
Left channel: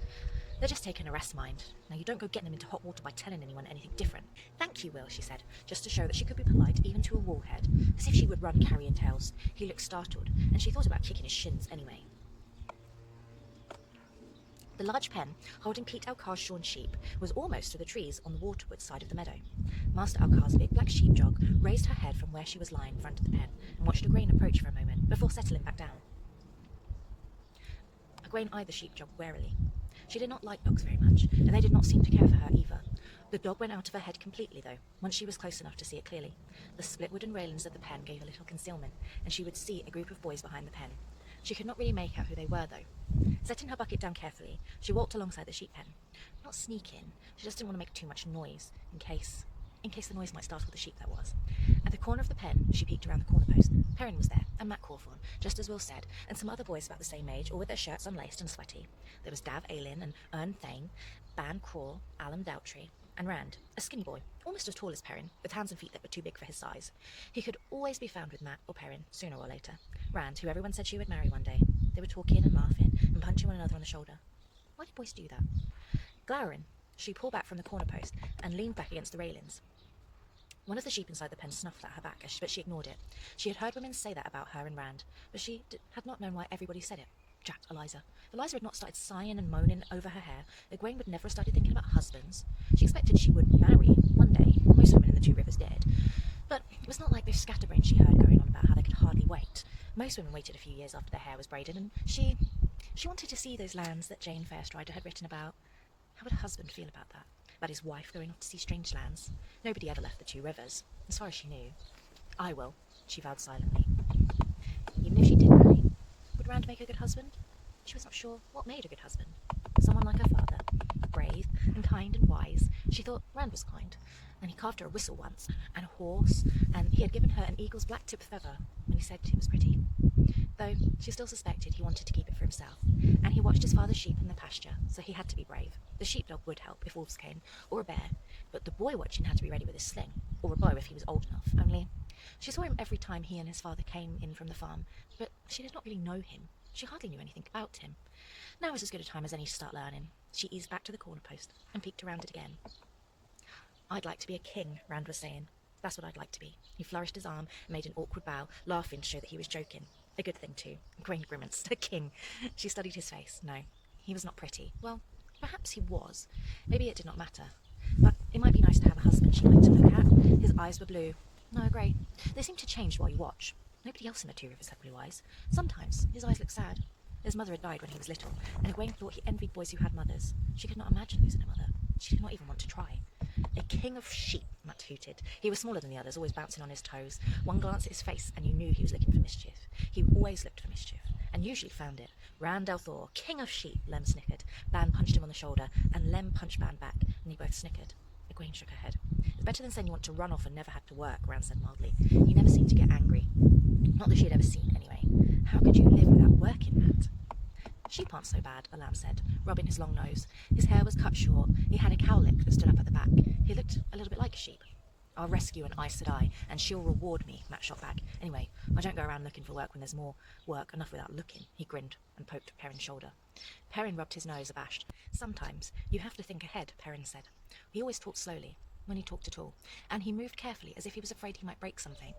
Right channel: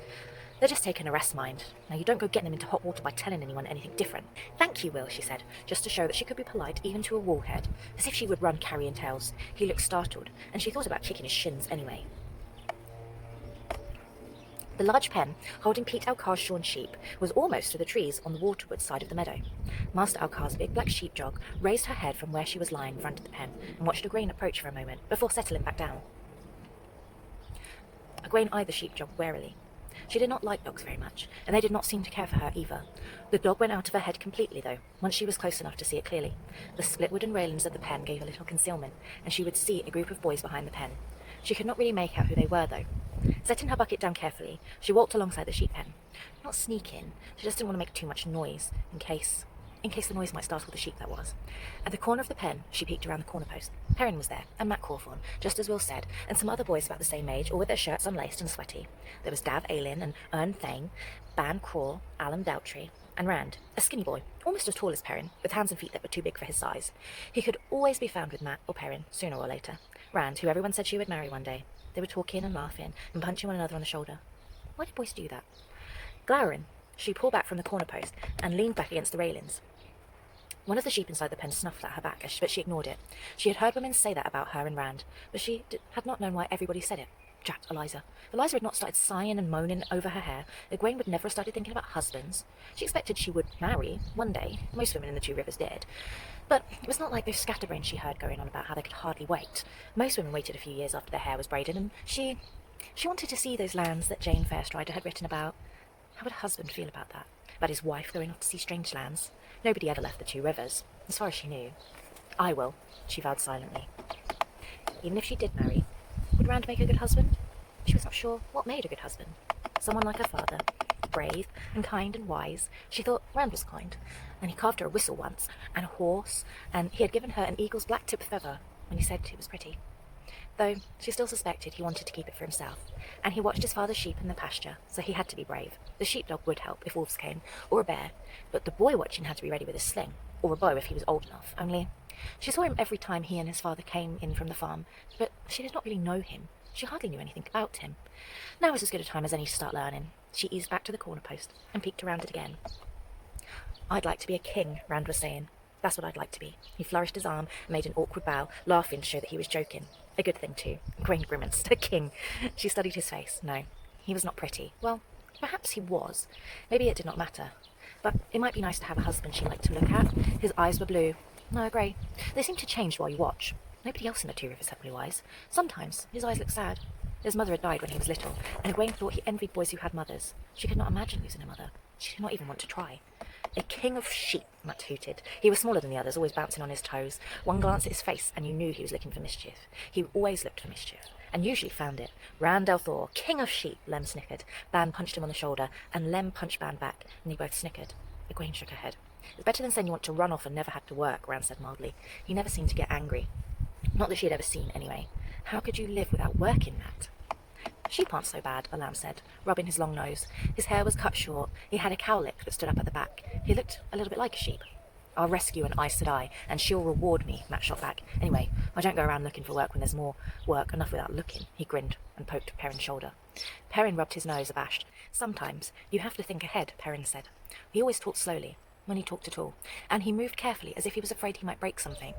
They're just taking a rest mind. Now you don't go getting them into hot water by telling anyone anything different. Thank you, Will, she said, just to show that she could be polite even to a woolhead, as if she would run carrying tales. He looked startled, and she thought about kicking his shins anyway. The large pen, holding Pete Alcar's shorn sheep, was almost to the trees on the waterward side of the meadow. Master Alcar's big black sheepdog raised her head from where she was lying in front of the pen and watched Egwene approach for a moment before settling back down. Egwene eyed the sheepdog warily. She did not like dogs very much, and they did not seem to care for her either. The dog went out of her head completely, though, once she was close enough to see it clearly. The split wooden railings of the pen gave a little concealment, and she would see a group of boys behind the pen. She could not really make out who they were, though. Setting her bucket down carefully, she walked alongside the sheep pen. Not sneak in, she just didn't want to make too much noise, in case the noise might startle the sheep, that was. At the corner of the pen, she peeked around the corner post. Perrin was there, and Matt Cawthorne, just as Will said, and some other boys about the same age, all with their shirts unlaced and sweaty. There was Dav Ailin and Ern Thane, Ban Craw, Alan Doubtry, and Rand, a skinny boy, almost as tall as Perrin, with hands and feet that were too big for his size. He could always be found with Matt or Perrin, sooner or later. Rand, who everyone said she would marry one day. They were talking and laughing and punching one another on the shoulder. Why did boys do that? Glowering, she pulled back from the corner post and leaned back against the railings. One of the sheep inside the pen snuffed at her back, but she ignored it. She had heard women say that about her and Rand, but she had not known why everybody said it. Jacked Eliza. If Eliza had not started sighing and moaning over her hair, Egwene would never have started thinking about husbands. She expected she would marry one day. Most women in the Two Rivers did. But it was not like those scatterbrains she heard going on about how they could hardly wait. Most women waited a few years after their hair was braided, and she wanted to see those lands that Jane Fairstrider had written about. How would a husband feel about that? About his wife going off to see strange lands? Nobody ever left the Two Rivers, as far as she knew. I will, she vowed silently. Even if she did marry, would Rand make a good husband? She was not sure what made a good husband. Someone like her father, brave and kind and wise. She thought Rand was kind, and he carved her a whistle once, and a horse, and he had given her an eagle's black tip feather when he said it was pretty. Though she still suspected he wanted to keep it for himself, and he watched his father's sheep in the pasture, so he had to be brave. The sheepdog would help if wolves came, or a bear, but the boy watching had to be ready with a sling, or a bow if he was old enough, only she saw him every time he and his father came in from the farm, but she did not really know him. She hardly knew anything about him. Now was as good a time as any to start learning. She eased back to the corner post and peeked around it again. I'd like to be a king, Rand was saying. That's what I'd like to be. He flourished his arm and made an awkward bow, laughing to show that he was joking. A good thing, too. Egwene grimaced. A king. She studied his face. No, he was not pretty. Well, perhaps he was. Maybe it did not matter. But it might be nice to have a husband she liked to look at. His eyes were blue. No, grey. They seem to change while you watch. Nobody else in the Two Rivers had blue eyes. Sometimes his eyes looked sad. His mother had died when he was little, and Egwene thought he envied boys who had mothers. She could not imagine losing a mother. She did not even want to try. A king of sheep, Matt hooted. He was smaller than the others, always bouncing on his toes. One glance at his face, and you knew he was looking for mischief. He always looked for mischief, and usually found it. Rand al'Thor, king of sheep, Lem snickered. Ban punched him on the shoulder, and Lem punched Ban back, and they both snickered. Egwene shook her head. It's better than saying you want to run off and never have to work, Rand said mildly. He never seemed to get angry. Not that she had ever seen, anyway. How could you live without working, Matt? Sheep aren't so bad, the lamb said, rubbing his long nose. His hair was cut short. He had a cowlick that stood up at the back. He looked a little bit like a sheep. I'll rescue an Aes Sedai, and she'll reward me, Matt shot back. Anyway, I don't go around looking for work when there's more work enough without looking. He grinned and poked Perrin's shoulder. Perrin rubbed his nose, abashed. Sometimes you have to think ahead, Perrin said. He always talked slowly, when he talked at all, and he moved carefully as if he was afraid he might break something.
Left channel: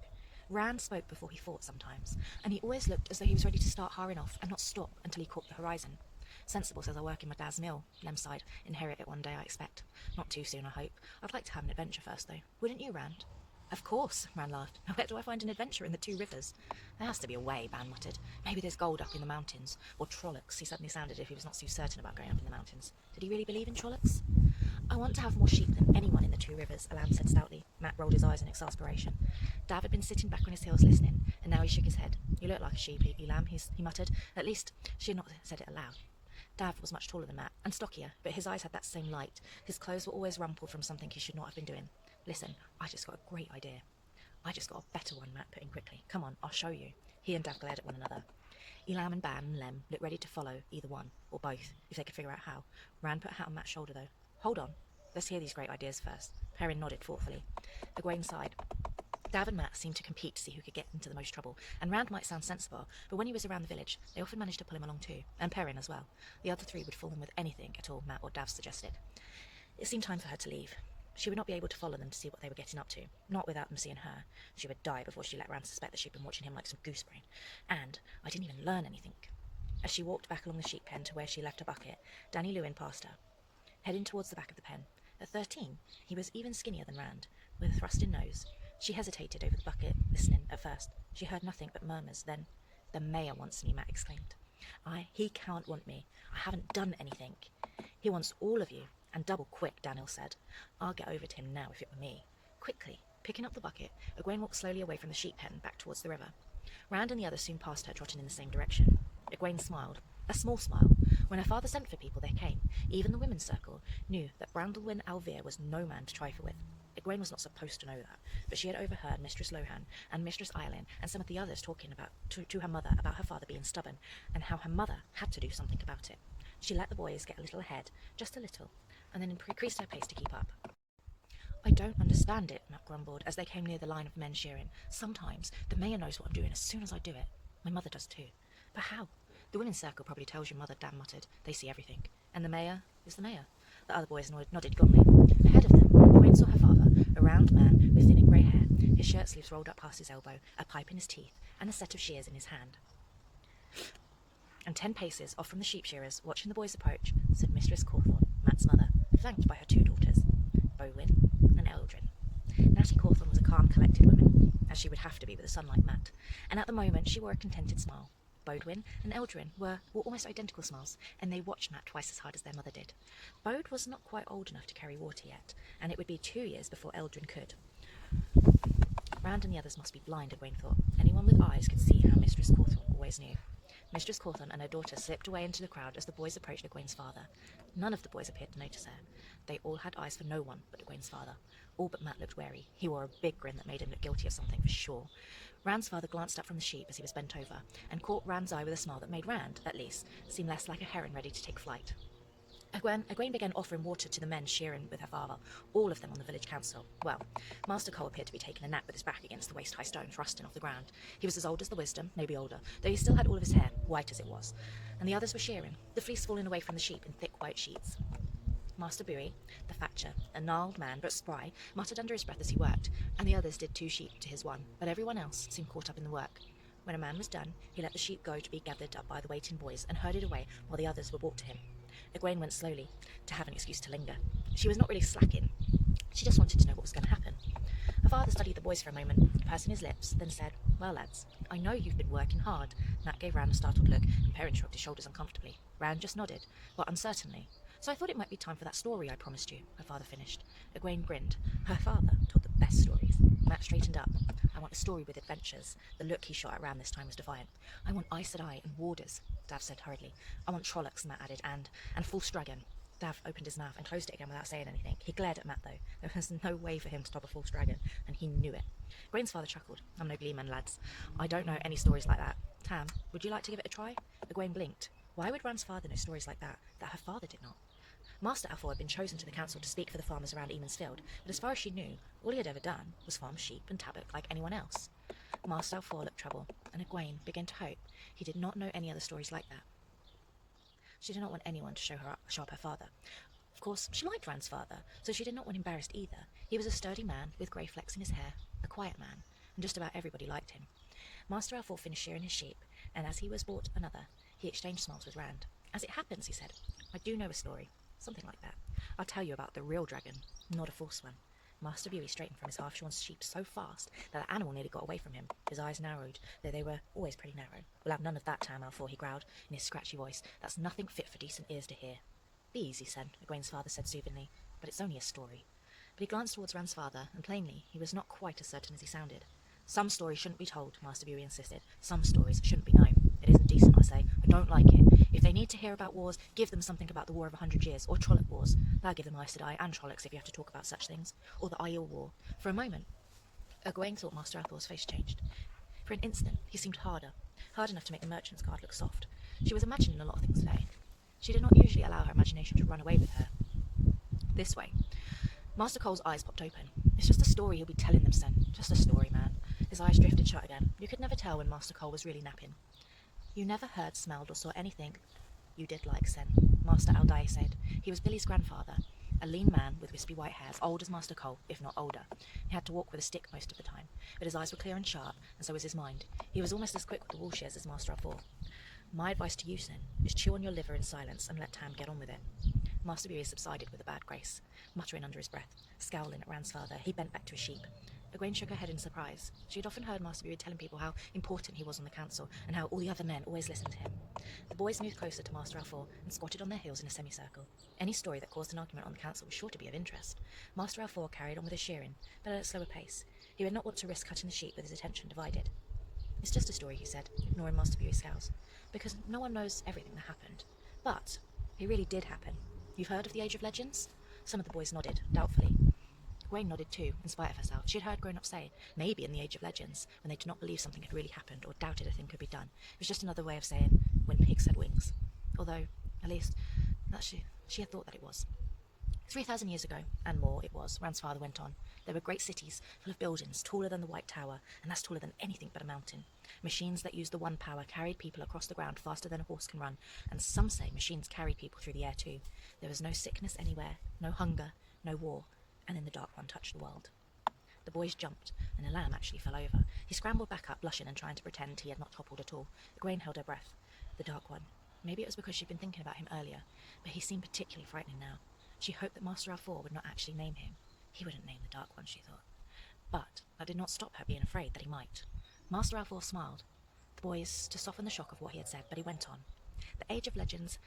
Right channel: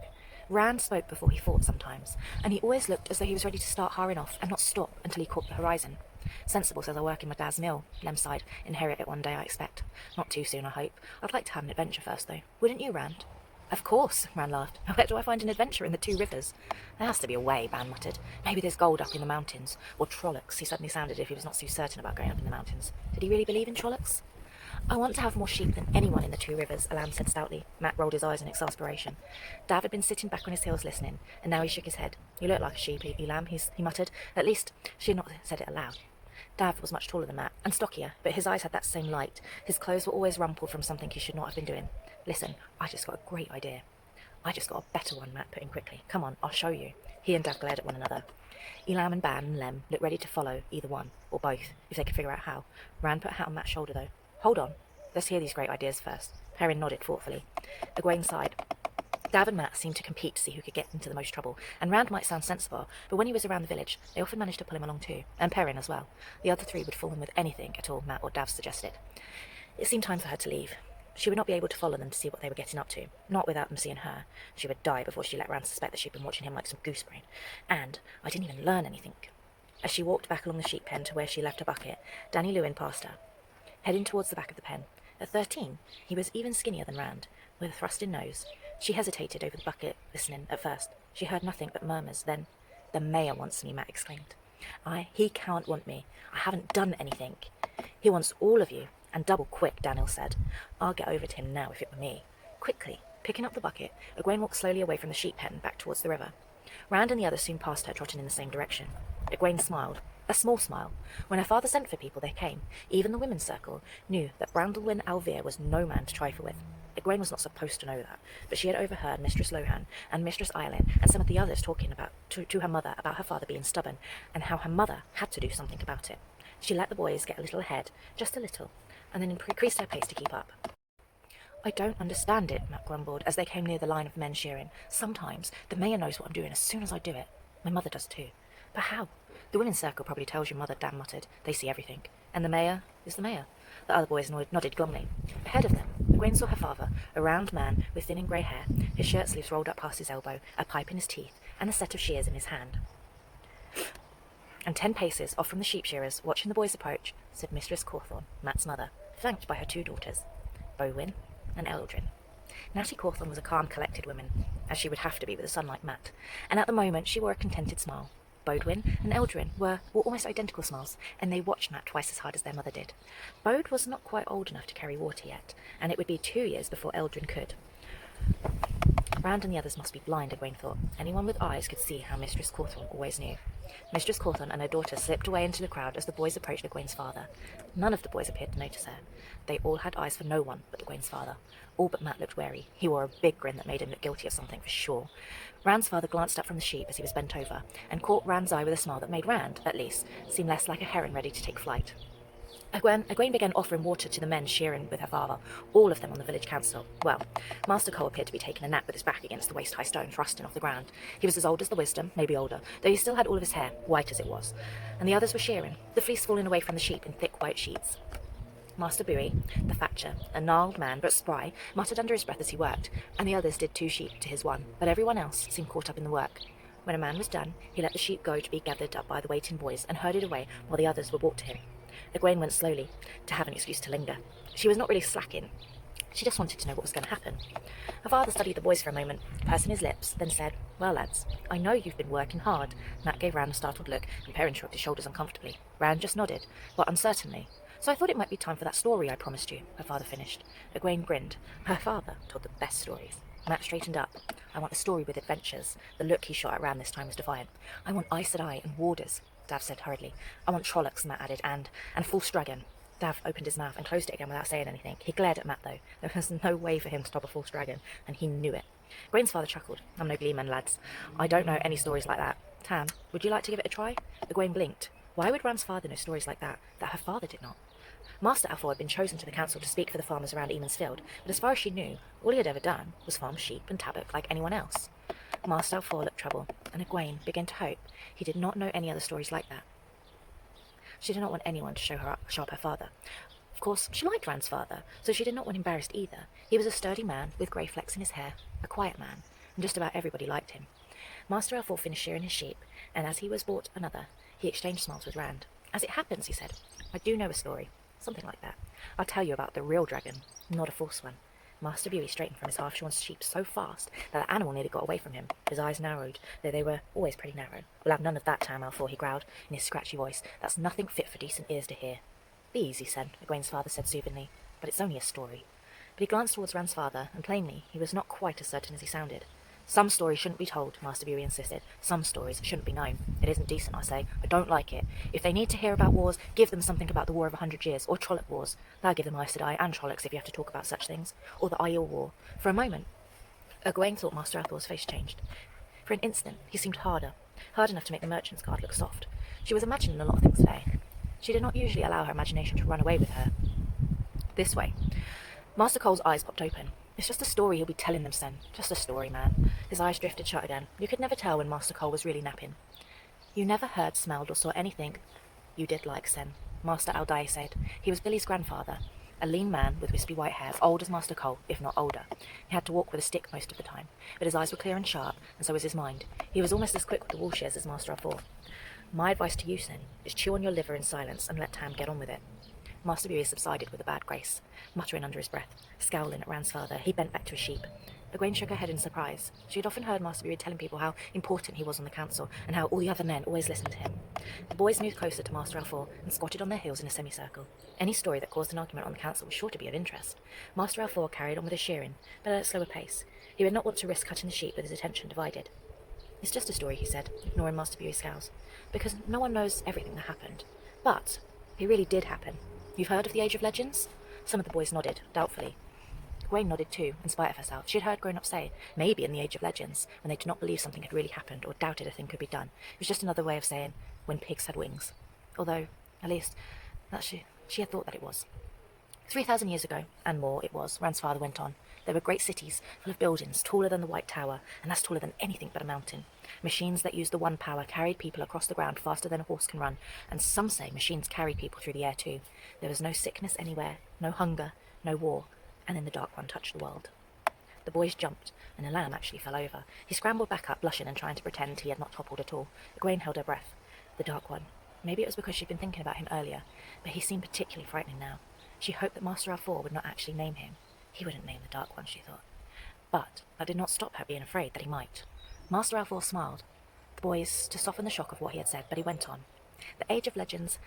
Rand spoke before he fought sometimes, and he always looked as though he was ready to start hurrying off and not stop until he caught the horizon. Sensible, says I work in my dad's mill, Lem sighed. Inherit it one day, I expect. Not too soon, I hope. I'd like to have an adventure first, though. Wouldn't you, Rand? Of course, Rand laughed. Where do I find an adventure in the Two Rivers? There has to be a way, Ban muttered. Maybe there's gold up in the mountains. Or Trollocs. He suddenly sounded as if he was not so certain about going up in the mountains. Did he really believe in Trollocs? I want to have more sheep than anyone in the Two Rivers, Elam said stoutly. Matt rolled his eyes in exasperation. Dav had been sitting back on his heels listening, and now he shook his head. You look like a sheep, Elam, he muttered. At least she had not said it aloud. Dav was much taller than Matt, and stockier, but his eyes had that same light. His clothes were always rumpled from something he should not have been doing. Listen, I just got a great idea. I just got a better one, Matt put in quickly. Come on, I'll show you. He and Dav glared at one another. Elam and Ban and Lem looked ready to follow either one, or both, if they could figure out how. Rand put a hat on Matt's shoulder, though. Hold on. Let's hear these great ideas first. Perrin nodded thoughtfully. Egwene sighed. Dav and Matt seemed to compete to see who could get into the most trouble, and Rand might sound sensible, but when he was around the village, they often managed to pull him along too, and Perrin as well. The other three would fall in with anything at all Matt or Dav suggested. It seemed time for her to leave. She would not be able to follow them to see what they were getting up to, not without them seeing her. She would die before she let Rand suspect that she'd been watching him like some goosebrain. And I didn't even learn anything. As she walked back along the sheep pen to where she left her bucket, Danny Lewin passed her, heading towards the back of the pen. At 13, he was even skinnier than Rand, with a thrust-in nose. She hesitated over the bucket, listening at first. She heard nothing but murmurs. Then, "The mayor wants me," Matt exclaimed. He can't want me. I haven't done anything." "He wants all of you, and double quick," Daniel said. "I'll get over to him now if it were me." Quickly, picking up the bucket, Egwene walked slowly away from the sheep pen back towards the river. Rand and the others soon passed her, trotting in the same direction. Egwene smiled. A small smile. When her father sent for people, they came. Even the women's circle knew that Brandlewyn Alvear was no man to trifle with. Egwene was not supposed to know that, but she had overheard Mistress Lohan and Mistress Eileen and some of the others talking to her mother about her father being stubborn, and how her mother had to do something about it. She let the boys get a little ahead, just a little, and then increased her pace to keep up. "I don't understand it," Matt grumbled as they came near the line of men shearing. "Sometimes the mayor knows what I'm doing as soon as I do it. My mother does too. But how? The women's circle probably tells your mother," Dan muttered. "They see everything. And the mayor is the mayor." The other boys nodded glumly. Ahead of them, Egwene saw her father, a round man with thinning grey hair, his shirt sleeves rolled up past his elbow, a pipe in his teeth, and a set of shears in his hand. And 10 paces off from the sheep shearers, watching the boys approach, stood Mistress Cawthorne, Matt's mother, flanked by her 2 daughters, Bowyn and Eldrin. Natty Cawthorne was a calm, collected woman, as she would have to be with a son like Matt, and at the moment she wore a contented smile. Bodwyn and Eldrin were almost identical smiles, and they watched Matt twice as hard as their mother did. Bode was not quite old enough to carry water yet, and it would be 2 years before Eldrin could. Rand and the others must be blind, Egwene thought. Anyone with eyes could see how Mistress Cawthorne always knew. Mistress Cawthorne and her daughter slipped away into the crowd as the boys approached Egwene's father. None of the boys appeared to notice her. They all had eyes for no one but Egwene's father. All but Matt looked wary. He wore a big grin that made him look guilty of something for sure. Rand's father glanced up from the sheep as he was bent over, and caught Rand's eye with a smile that made Rand, at least, seem less like a heron ready to take flight. Egwene began offering water to the men shearing with her father, all of them on the village council. Well, Master Cole appeared to be taking a nap with his back against the waist-high stone thrusting off the ground. He was as old as the wisdom, maybe older, though he still had all of his hair, white as it was. And the others were shearing, the fleece falling away from the sheep in thick white sheets. Master Bowie, the thatcher, a gnarled man but spry, muttered under his breath as he worked, and the others did 2 sheep to his 1, but everyone else seemed caught up in the work. When a man was done, he let the sheep go to be gathered up by the waiting boys and herded away while the others were brought to him. Egwene went slowly, to have an excuse to linger. She was not really slacking. She just wanted to know what was going to happen. Her father studied the boys for a moment, pursing his lips, then said, "Well, lads, I know you've been working hard." Matt gave Rand a startled look, and Perrin shrugged his shoulders uncomfortably. Rand just nodded, but uncertainly. "So I thought it might be time for that story I promised you," her father finished. Egwene grinned. Her father told the best stories. Matt straightened up. "I want a story with adventures." The look he shot at Rand this time was defiant. "I want Aes Sedai and warders," Dav said hurriedly. "I want Trollocs," Matt added, and False Dragon." Dav opened his mouth and closed it again without saying anything. He glared at Matt, though. There was no way for him to stop a false dragon, and he knew it. Egwene's father chuckled. "I'm no gleeman, lads. I don't know any stories like that. Tam, would you like to give it a try?" Egwene blinked. Why would Rand's father know stories like that her father did not? Master Alfor had been chosen to the council to speak for the farmers around Eamon's Field, but as far as she knew, all he had ever done was farm sheep and tabbock like anyone else. Master Alfor looked troubled, and Egwene began to hope he did not know any other stories like that. She did not want anyone to show up her father. Of course, she liked Rand's father, so she did not want him embarrassed either. He was a sturdy man with grey flecks in his hair, a quiet man, and just about everybody liked him. Master Alfor finished shearing his sheep, and as he was brought another, he exchanged smiles with Rand. "As it happens," he said, "I do know a story. Something like that. I'll tell you about the real dragon, not a false one." Master Bowie straightened from his half-shorn sheep so fast that the animal nearly got away from him. His eyes narrowed, though they were always pretty narrow. "We'll have none of that, Tam Alfor," he growled in his scratchy voice. "That's nothing fit for decent ears to hear." "Be easy, son," Egwene's father said soothingly. "But it's only a story." But he glanced towards Rand's father, and plainly he was not quite as certain as he sounded. "Some stories shouldn't be told," Master Bowie insisted. "Some stories shouldn't be known. It isn't decent, I say. I don't like it. If they need to hear about wars, give them something about the War of 100 Years, or Trolloc Wars. I'll give them Aes Sedai and Trollocs if you have to talk about such things. Or the Aiel War." For a moment, Egwene thought Master Athel's face changed. For an instant, he seemed hard enough to make the merchant's guard look soft. She was imagining a lot of things today. She did not usually allow her imagination to run away with her this way. Master Cole's eyes popped open. "It's just a story he'll be telling them, son. Just a story, man." His eyes drifted shut again. You could never tell when Master Cole was really napping. "You never heard, smelled, or saw anything you did like, Sen," Master Aldae said. He was Billy's grandfather, a lean man with wispy white hair, as old as Master Cole, if not older. He had to walk with a stick most of the time, but his eyes were clear and sharp, and so was his mind. He was almost as quick with the wool shears as Master Alfor. My advice to you, Sin, is chew on your liver in silence and let Tam get on with it. Master Bury subsided with a bad grace, muttering under his breath. Scowling at Rand's father, he bent back to his sheep. Egwene shook her head in surprise. She had often heard Master Bury telling people how important he was on the council, and how all the other men always listened to him. The boys moved closer to Master Alfor and squatted on their heels in a semicircle. Any story that caused an argument on the council was sure to be of interest. Master Alfor carried on with his shearing, but at a slower pace. He would not want to risk cutting the sheep with his attention divided. It's just a story, he said, ignoring Master Bury's scowls, because no one knows everything that happened. But it really did happen. You've heard of the Age of Legends? Some of the boys nodded, doubtfully. Egwene nodded too, in spite of herself. She had heard grown-ups say, maybe in the Age of Legends, when they did not believe something had really happened or doubted a thing could be done. It was just another way of saying, when pigs had wings. Although, at least, she had thought that it was. 3,000 years ago, and more it was, Rand's father went on. There were great cities, full of buildings, taller than the White Tower, and that's taller than anything but a mountain. Machines that used the one power carried people across the ground faster than a horse can run, and some say machines carried people through the air too. There was no sickness anywhere, no hunger, no war, and then the Dark One touched the world. The boys jumped, and a lamb actually fell over. He scrambled back up, blushing and trying to pretend he had not toppled at all. Egwene held her breath. The Dark One. Maybe it was because she'd been thinking about him earlier, but he seemed particularly frightening now. She hoped that Master Alfor would not actually name him. He wouldn't name the Dark One, she thought. But that did not stop her being afraid that he might. Master Alfor smiled, the boys to soften the shock of what he had said, but he went on. The Age of Legends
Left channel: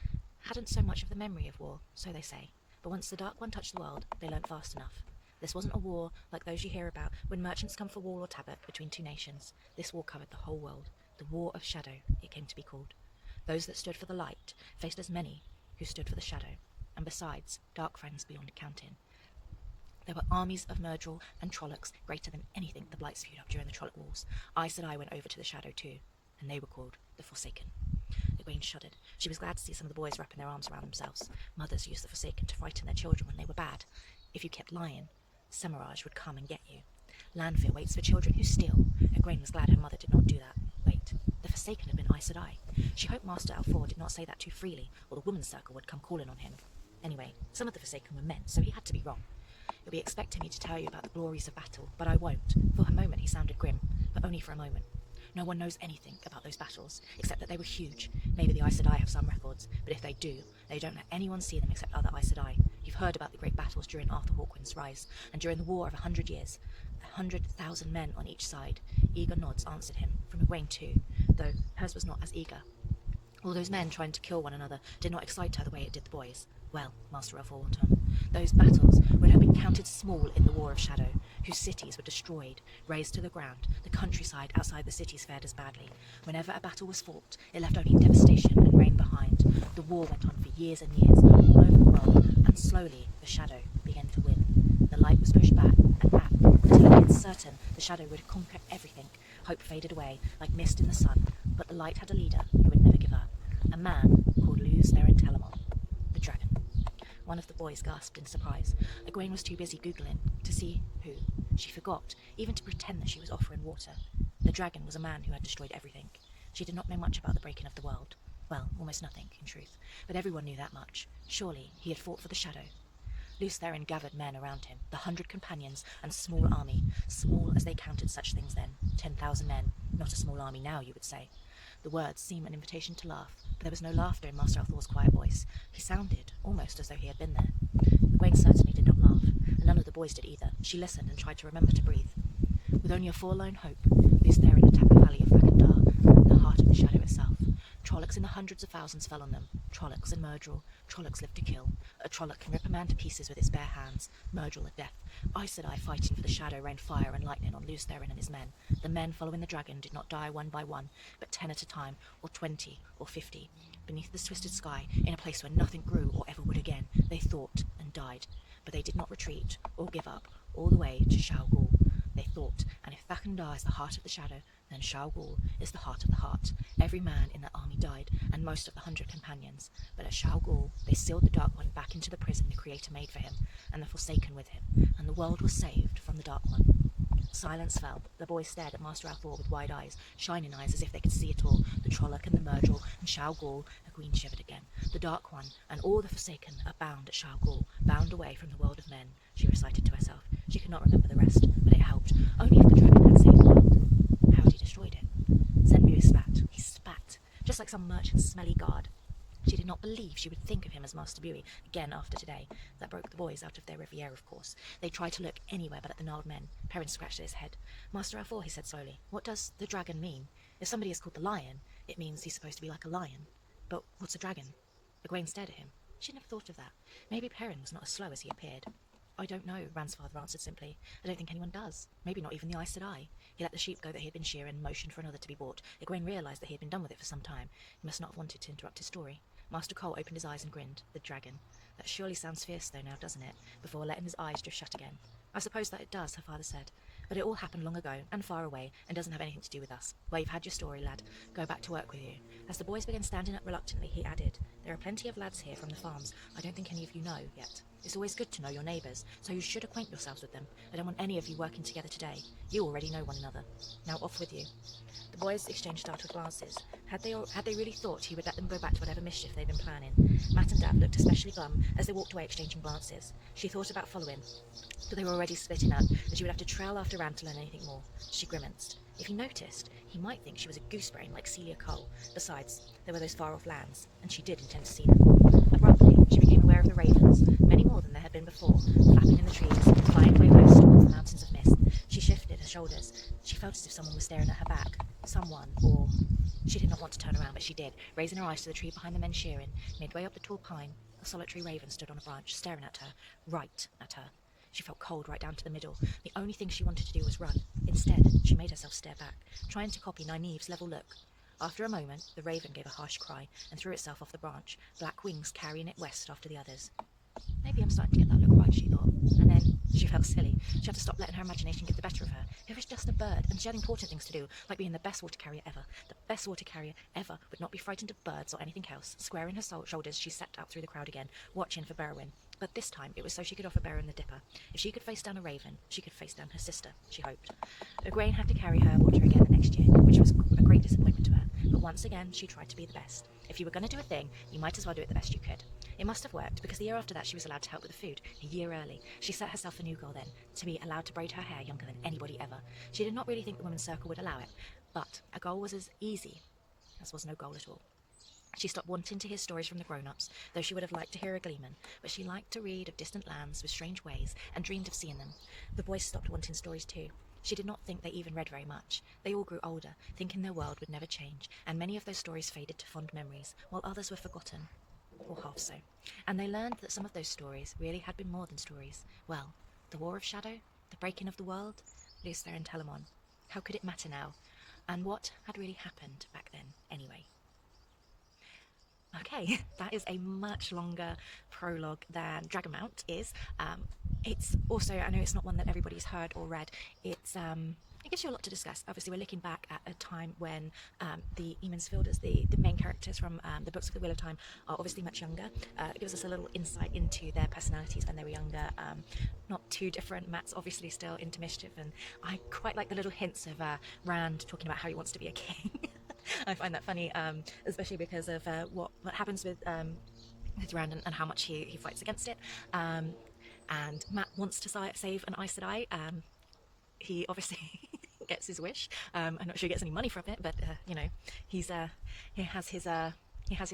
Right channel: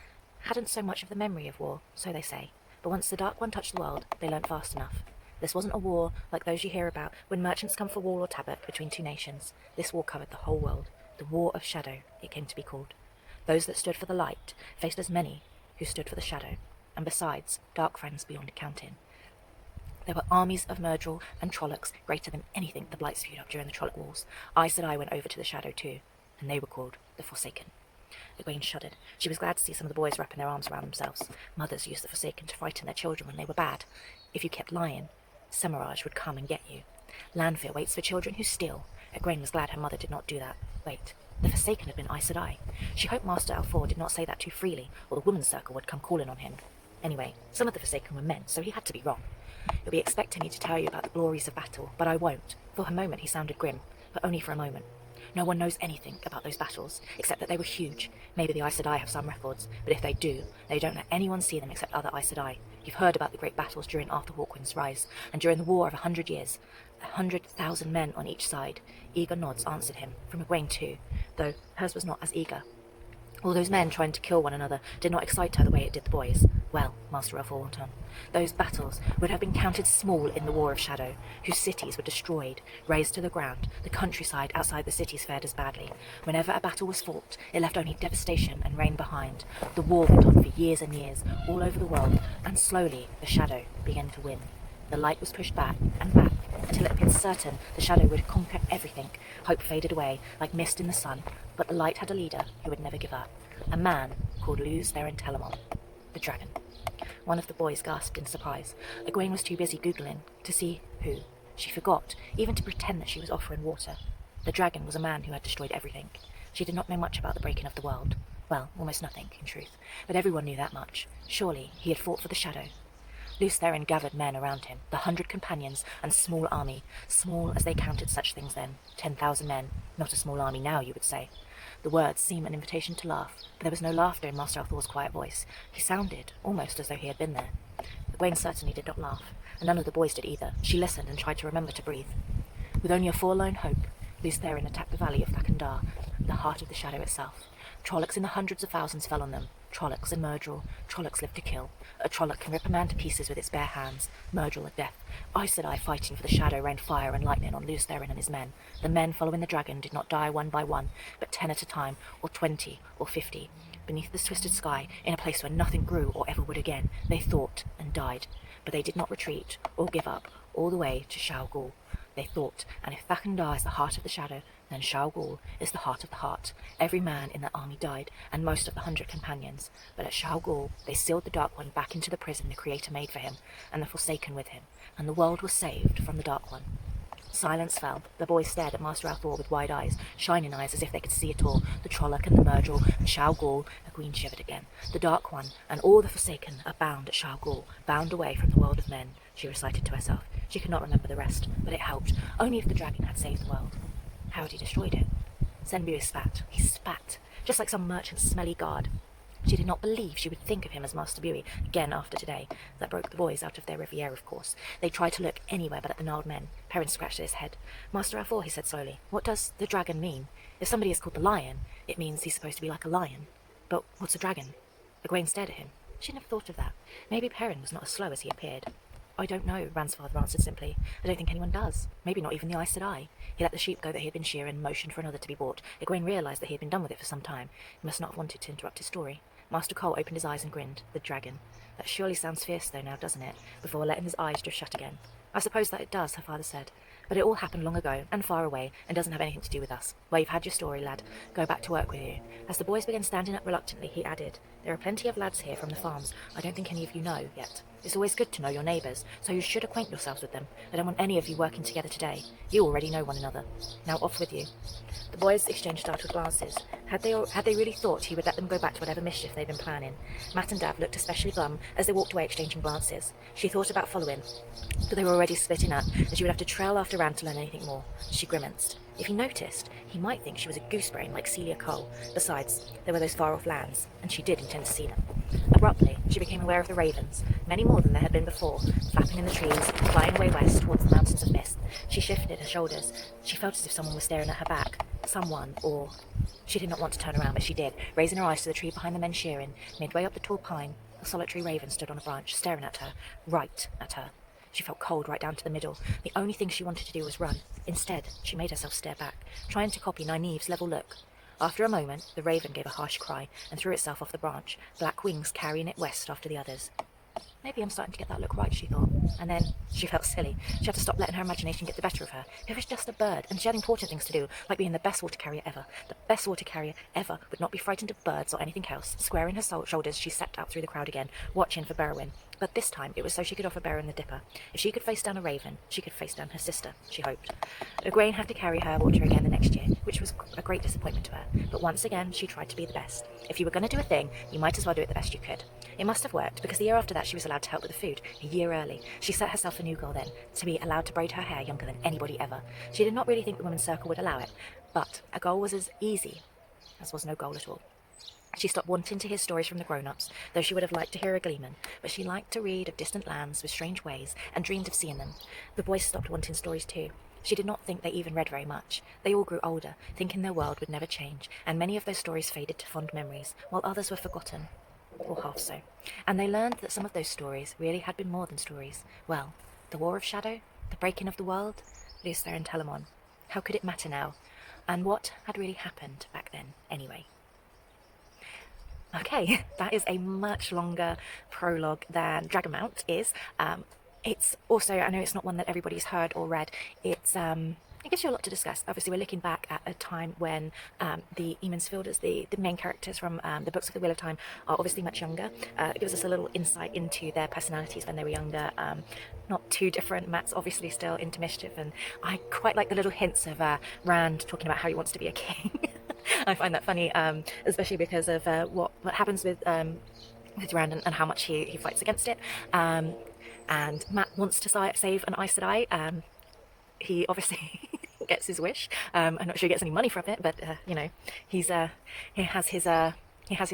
hadn't so much of the memory of war, so they say, but once the Dark One touched the world, they learnt fast enough. This wasn't a war like those you hear about when merchants come for wool or tabard between two nations. This war covered the whole world. The War of Shadow, it came to be called. Those that stood for the light faced as many who stood for the shadow, and besides, dark friends beyond counting. There were armies of Myrddril and Trollocs greater than anything the Blight spewed up during the Trolloc Wars. Aes Sedai went over to the Shadow too, and they were called the Forsaken. Egwene shuddered. She was glad to see some of the boys wrapping their arms around themselves. Mothers used the Forsaken to frighten their children when they were bad. If you kept lying, Semirhage would come and get you. Lanfear waits for children who steal. Egwene was glad her mother did not do that. Wait, the Forsaken had been Aes Sedai. She hoped Master Alfor did not say that too freely, or the women's circle would come calling on him. Anyway, some of the Forsaken were men, so he had to be wrong. You'll be expecting me to tell you about the glories of battle, but I won't. For a moment he sounded grim, but only for a moment. No one knows anything about those battles, except that they were huge. Maybe the Aes Sedai have some records, but if they do, they don't let anyone see them except other Aes Sedai. You've heard about the great battles during Arthur Hawkwind's rise, and during the War of 100 Years. 100,000 men on each side. Eager nods answered him, from Egwene too, though hers was not as eager. All those men trying to kill one another did not excite her the way it did the boys. Well, Master Alfor went on, those battles would have been counted small in the War of Shadow, whose cities were destroyed, razed to the ground. The countryside outside the cities fared as badly. Whenever a battle was fought, it left only devastation and rain behind. The war went on for years and years, all over the world, and slowly the Shadow began to win. The light was pushed back and back, until it became certain the Shadow would conquer everything. Hope faded away, like mist in the sun, but the light had a leader who would never give up. A man called Luz Theron Telamon, the dragon. One of the boys gasped in surprise. Egwene was too busy Googling to see who. She forgot even to pretend that she was offering water. The dragon was a man who had destroyed everything. She did not know much about the breaking of the world. Well, almost nothing, in truth. But everyone knew that much. Surely he had fought for the Shadow. Luz Theron gathered men around him, the 100 companions and small army, small as they counted such things then. 10,000 men, not a small army now, you would say. The words seemed an invitation to laugh, but there was no laughter in Master Althor's quiet voice. He sounded almost as though he had been there. Egwene certainly did not laugh, and none of the boys did either. She listened and tried to remember to breathe. With only a forlorn hope, Luz Theron attacked the valley of Thakandar, the heart of the Shadow itself. Trollocs in the hundreds of thousands fell on them. Trollocs in Myrddril. Trollocs lived to kill. A Trolloc can rip a man to pieces with its bare hands. Myrddril at death. Aes Sedai fighting for the Shadow rained fire and lightning on Luz Theron and his men. The men following the dragon did not die one by one, but 10 at a time, or 20, or 50. Beneath the twisted sky, in a place where nothing grew or ever would again, they thought and died. But they did not retreat or give up all the way to Shao Ghul. They thought, and if Thakandar is the heart of the Shadow, then Shao Ghul is the heart of the heart. Every man in that army died, and most of the 100 companions. But at Shao Ghul, they sealed the Dark One back into the prison the Creator made for him, and the Forsaken with him, and the world was saved from the Dark One. Silence fell. The boys stared at Master Althor with wide eyes, shining eyes as if they could see it all. The Trolloc and the Myrddril and Shao Ghul. Egwene shivered again. The Dark One and all the Forsaken are bound at Shao Ghul, bound away from the world of men, she recited to herself. She could not remember the rest, but it helped. Only if the dragon had saved the world. How had he destroyed it? Zenbu spat. He spat. just like some merchant's smelly guard. She did not believe she would think of him as Master Buoy again after today. That broke the boys out of their Riviera, of course. They tried to look anywhere but at the gnarled men. Perrin scratched at his head. Master Alfor, he said slowly, what does the dragon mean? If somebody is called the lion, it means he's supposed to be like a lion. But what's a dragon? Egwene stared at him. She never thought of that. Maybe Perrin was not as slow as he appeared. I don't know, Rand's father answered simply. I don't think anyone does. Maybe not even the Aes Sedai. He let the sheep go that he had been shearing and motioned for another to be bought. Egwene realised that he had been done with it for some time. He must not have wanted to interrupt his story. Master Cole opened his eyes and grinned. The dragon. That surely sounds fierce though now, doesn't it? Before letting his eyes drift shut again. I suppose that it does, her father said. But it all happened long ago, and far away, and doesn't have anything to do with us. Well, you've had your story, lad. Go back to work with you. As the boys began standing up reluctantly, he added, there are plenty of lads here from the farms I don't think any of you know yet. It's always good to know your neighbours, so you should acquaint yourselves with them. I don't want any of you working together today. You already know one another. Now off with you. The boys exchanged startled glances. Had they really thought he would let them go back to whatever mischief they'd been planning? Matt and Dav looked especially glum as they walked away exchanging glances. She thought about following, but they were already splitting up, and she would have to trail after Rand to learn anything more. She grimaced. If he noticed, he might think she was a goosebrain like Celia Cole. Besides, there were those far-off lands, and she did intend to see them. Abruptly, she became aware of the ravens, many more than there had been before, flapping in the trees, flying away west towards the mountains of mist. She shifted her shoulders. She felt as if someone was staring at her back. Someone, or... She did not want to turn around, but she did, raising her eyes to the tree behind the men shearing. Midway up the tall pine, a solitary raven stood on a branch, staring at her, right at her. She felt cold right down to the middle. The only thing she wanted to do was run. Instead, she made herself stare back, trying to copy Nynaeve's level look. After a moment, the raven gave a harsh cry and threw itself off the branch, black wings carrying it west after the others. Maybe I'm starting to get that look right, she thought. And then she felt silly. She had to stop letting her imagination get the better of her. It was just a bird, and she had important things to do, like being the best water carrier ever. The best water carrier ever would not be frightened of birds or anything else. Squaring her shoulders, she stepped out through the crowd again, watching for Berwin. But this time, it was so she could offer Berwin the dipper. If she could face down a raven, she could face down her sister, she hoped. Egwene had to carry her water again the next year, which was a great disappointment to her. But once again, she tried to be the best. If you were going to do a thing, you might as well do it the best you could. It must have worked, because the year after that she was allowed to help with the food, a year early. She set herself a new goal then, to be allowed to braid her hair younger than anybody ever. She did not really think the women's circle would allow it, but a goal was as easy as was no goal at all. She stopped wanting to hear stories from the grown-ups, though she would have liked to hear a gleeman, but she liked to read of distant lands with strange ways and dreamed of seeing them. The boys stopped wanting stories too. She did not think they even read very much. They all grew older, thinking their world would never change, and many of those stories faded to fond memories, while others were forgotten. Or half so. And they learned that some of those stories really had been more than stories. Well, the War of Shadow, the breaking of the world, Lucifer and Telamon. How could it matter now? And what had really happened back then, anyway? Okay, that is a much longer prologue than Dragonmount is. It's also, I know it's not one that everybody's heard or read, it gives you a lot to discuss. Obviously, we're looking back at a time when the Emonsfielders, the main characters from the books of the Wheel of Time, are obviously much younger. It gives us a little insight into their personalities when they were younger. Not too different. Matt's obviously still into mischief, and I quite like the little hints of Rand talking about how he wants to be a king. I find that funny, especially because of what happens with Rand and how much he fights against it. And Matt wants to save an Aes Sedai. He obviously gets his wish. I'm not sure he gets any money from it, but you know, he has his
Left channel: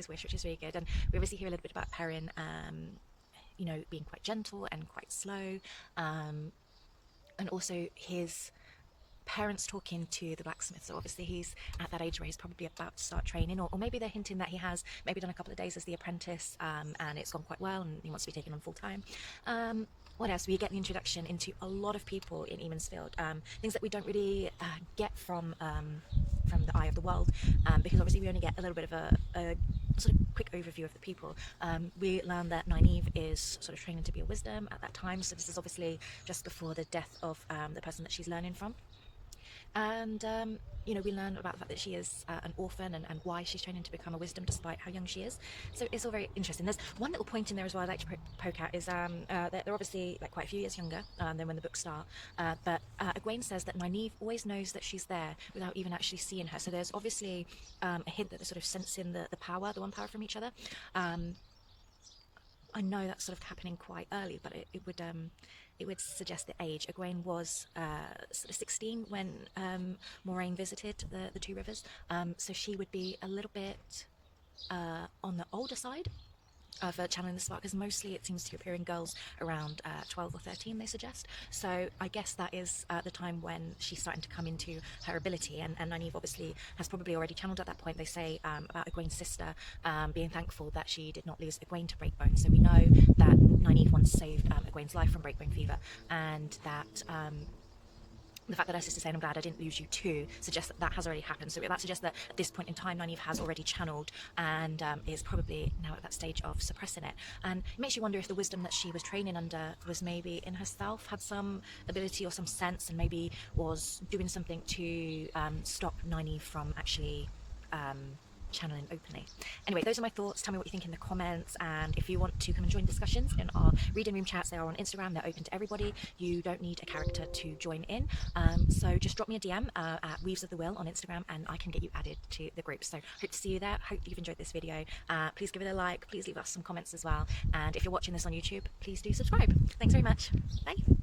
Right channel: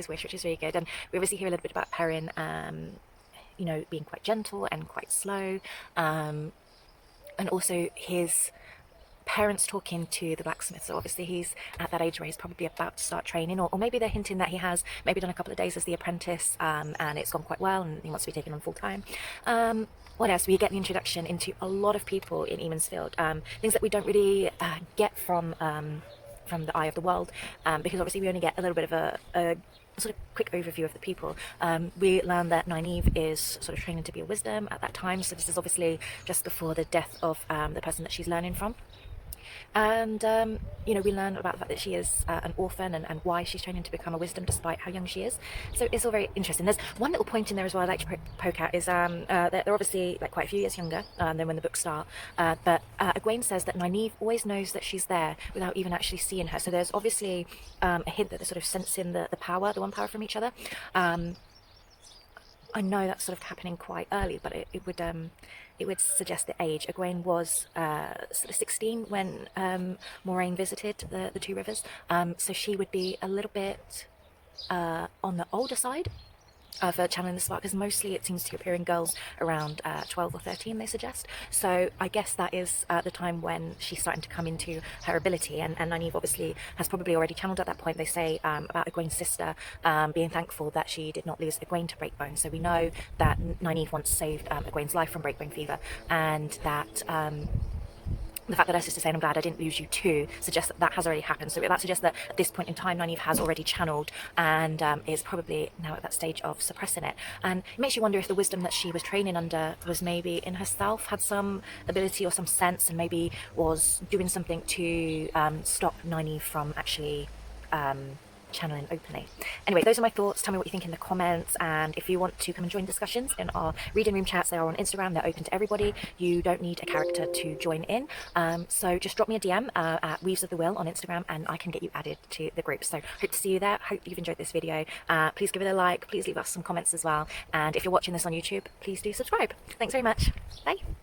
wish, which is really good. And we obviously hear a little bit about Perrin, you know, being quite gentle and quite slow, and also his parents talking to the blacksmith. So obviously he's at that age where he's probably about to start training, or maybe they're hinting that he has maybe done a couple of days as the apprentice, and it's gone quite well and he wants to be taken on full time. What else? We get the introduction into a lot of people in Emonsfield, things that we don't really get from the Eye of the World, because obviously we only get a little bit of a sort of quick overview of the people. We learn that Nynaeve is sort of training to be a wisdom at that time, so this is obviously just before the death of the person that she's learning from. And you know, we learn about the fact that she is an orphan, and why she's training to become a wisdom despite how young she is. So it's all very interesting. There's one little point in there as well I'd like to poke at, is they're obviously like quite a few years younger than when the books start, but Egwene says that Nynaeve always knows that she's there without even actually seeing her. So there's obviously a hint that they're sort of sensing the power, the one power from each other. I know that's sort of happening quite early, but it would it would suggest the age. Egwene was sort of 16 when Moraine visited the two rivers, so she would be a little bit on the older side for channeling the spark, because mostly it seems to appear in girls around 12 or 13, they suggest. So I guess that is the time when she's starting to come into her ability, and Nynaeve obviously has probably already channeled at that point. They say about Egwene's sister being thankful that she did not lose Egwene to breakbone, so we know that Nynaeve once saved Egwene's life from breakbone fever, and that the fact that her sister saying I'm glad I didn't lose you too suggests that that has already happened. So that suggests that at this point in time Nynaeve has already channeled and is probably now at that stage of suppressing it. And it makes you wonder if the wisdom that she was training under was maybe in herself, had some ability or some sense, and maybe was doing something to stop Nynaeve from actually channeling openly. Anyway, those are my thoughts. Tell me what you think in the comments, and if you want to come and join discussions in our reading room chats, they are on Instagram. They're open to everybody. You don't need a character to join in, so just drop me a DM at Weaves of the Will on Instagram and I can get you added to the group. So hope to see you there. Hope you've enjoyed this video. Please give it a like, please leave us some comments as well, and if you're watching this on YouTube, please do subscribe. Thanks very much. Bye.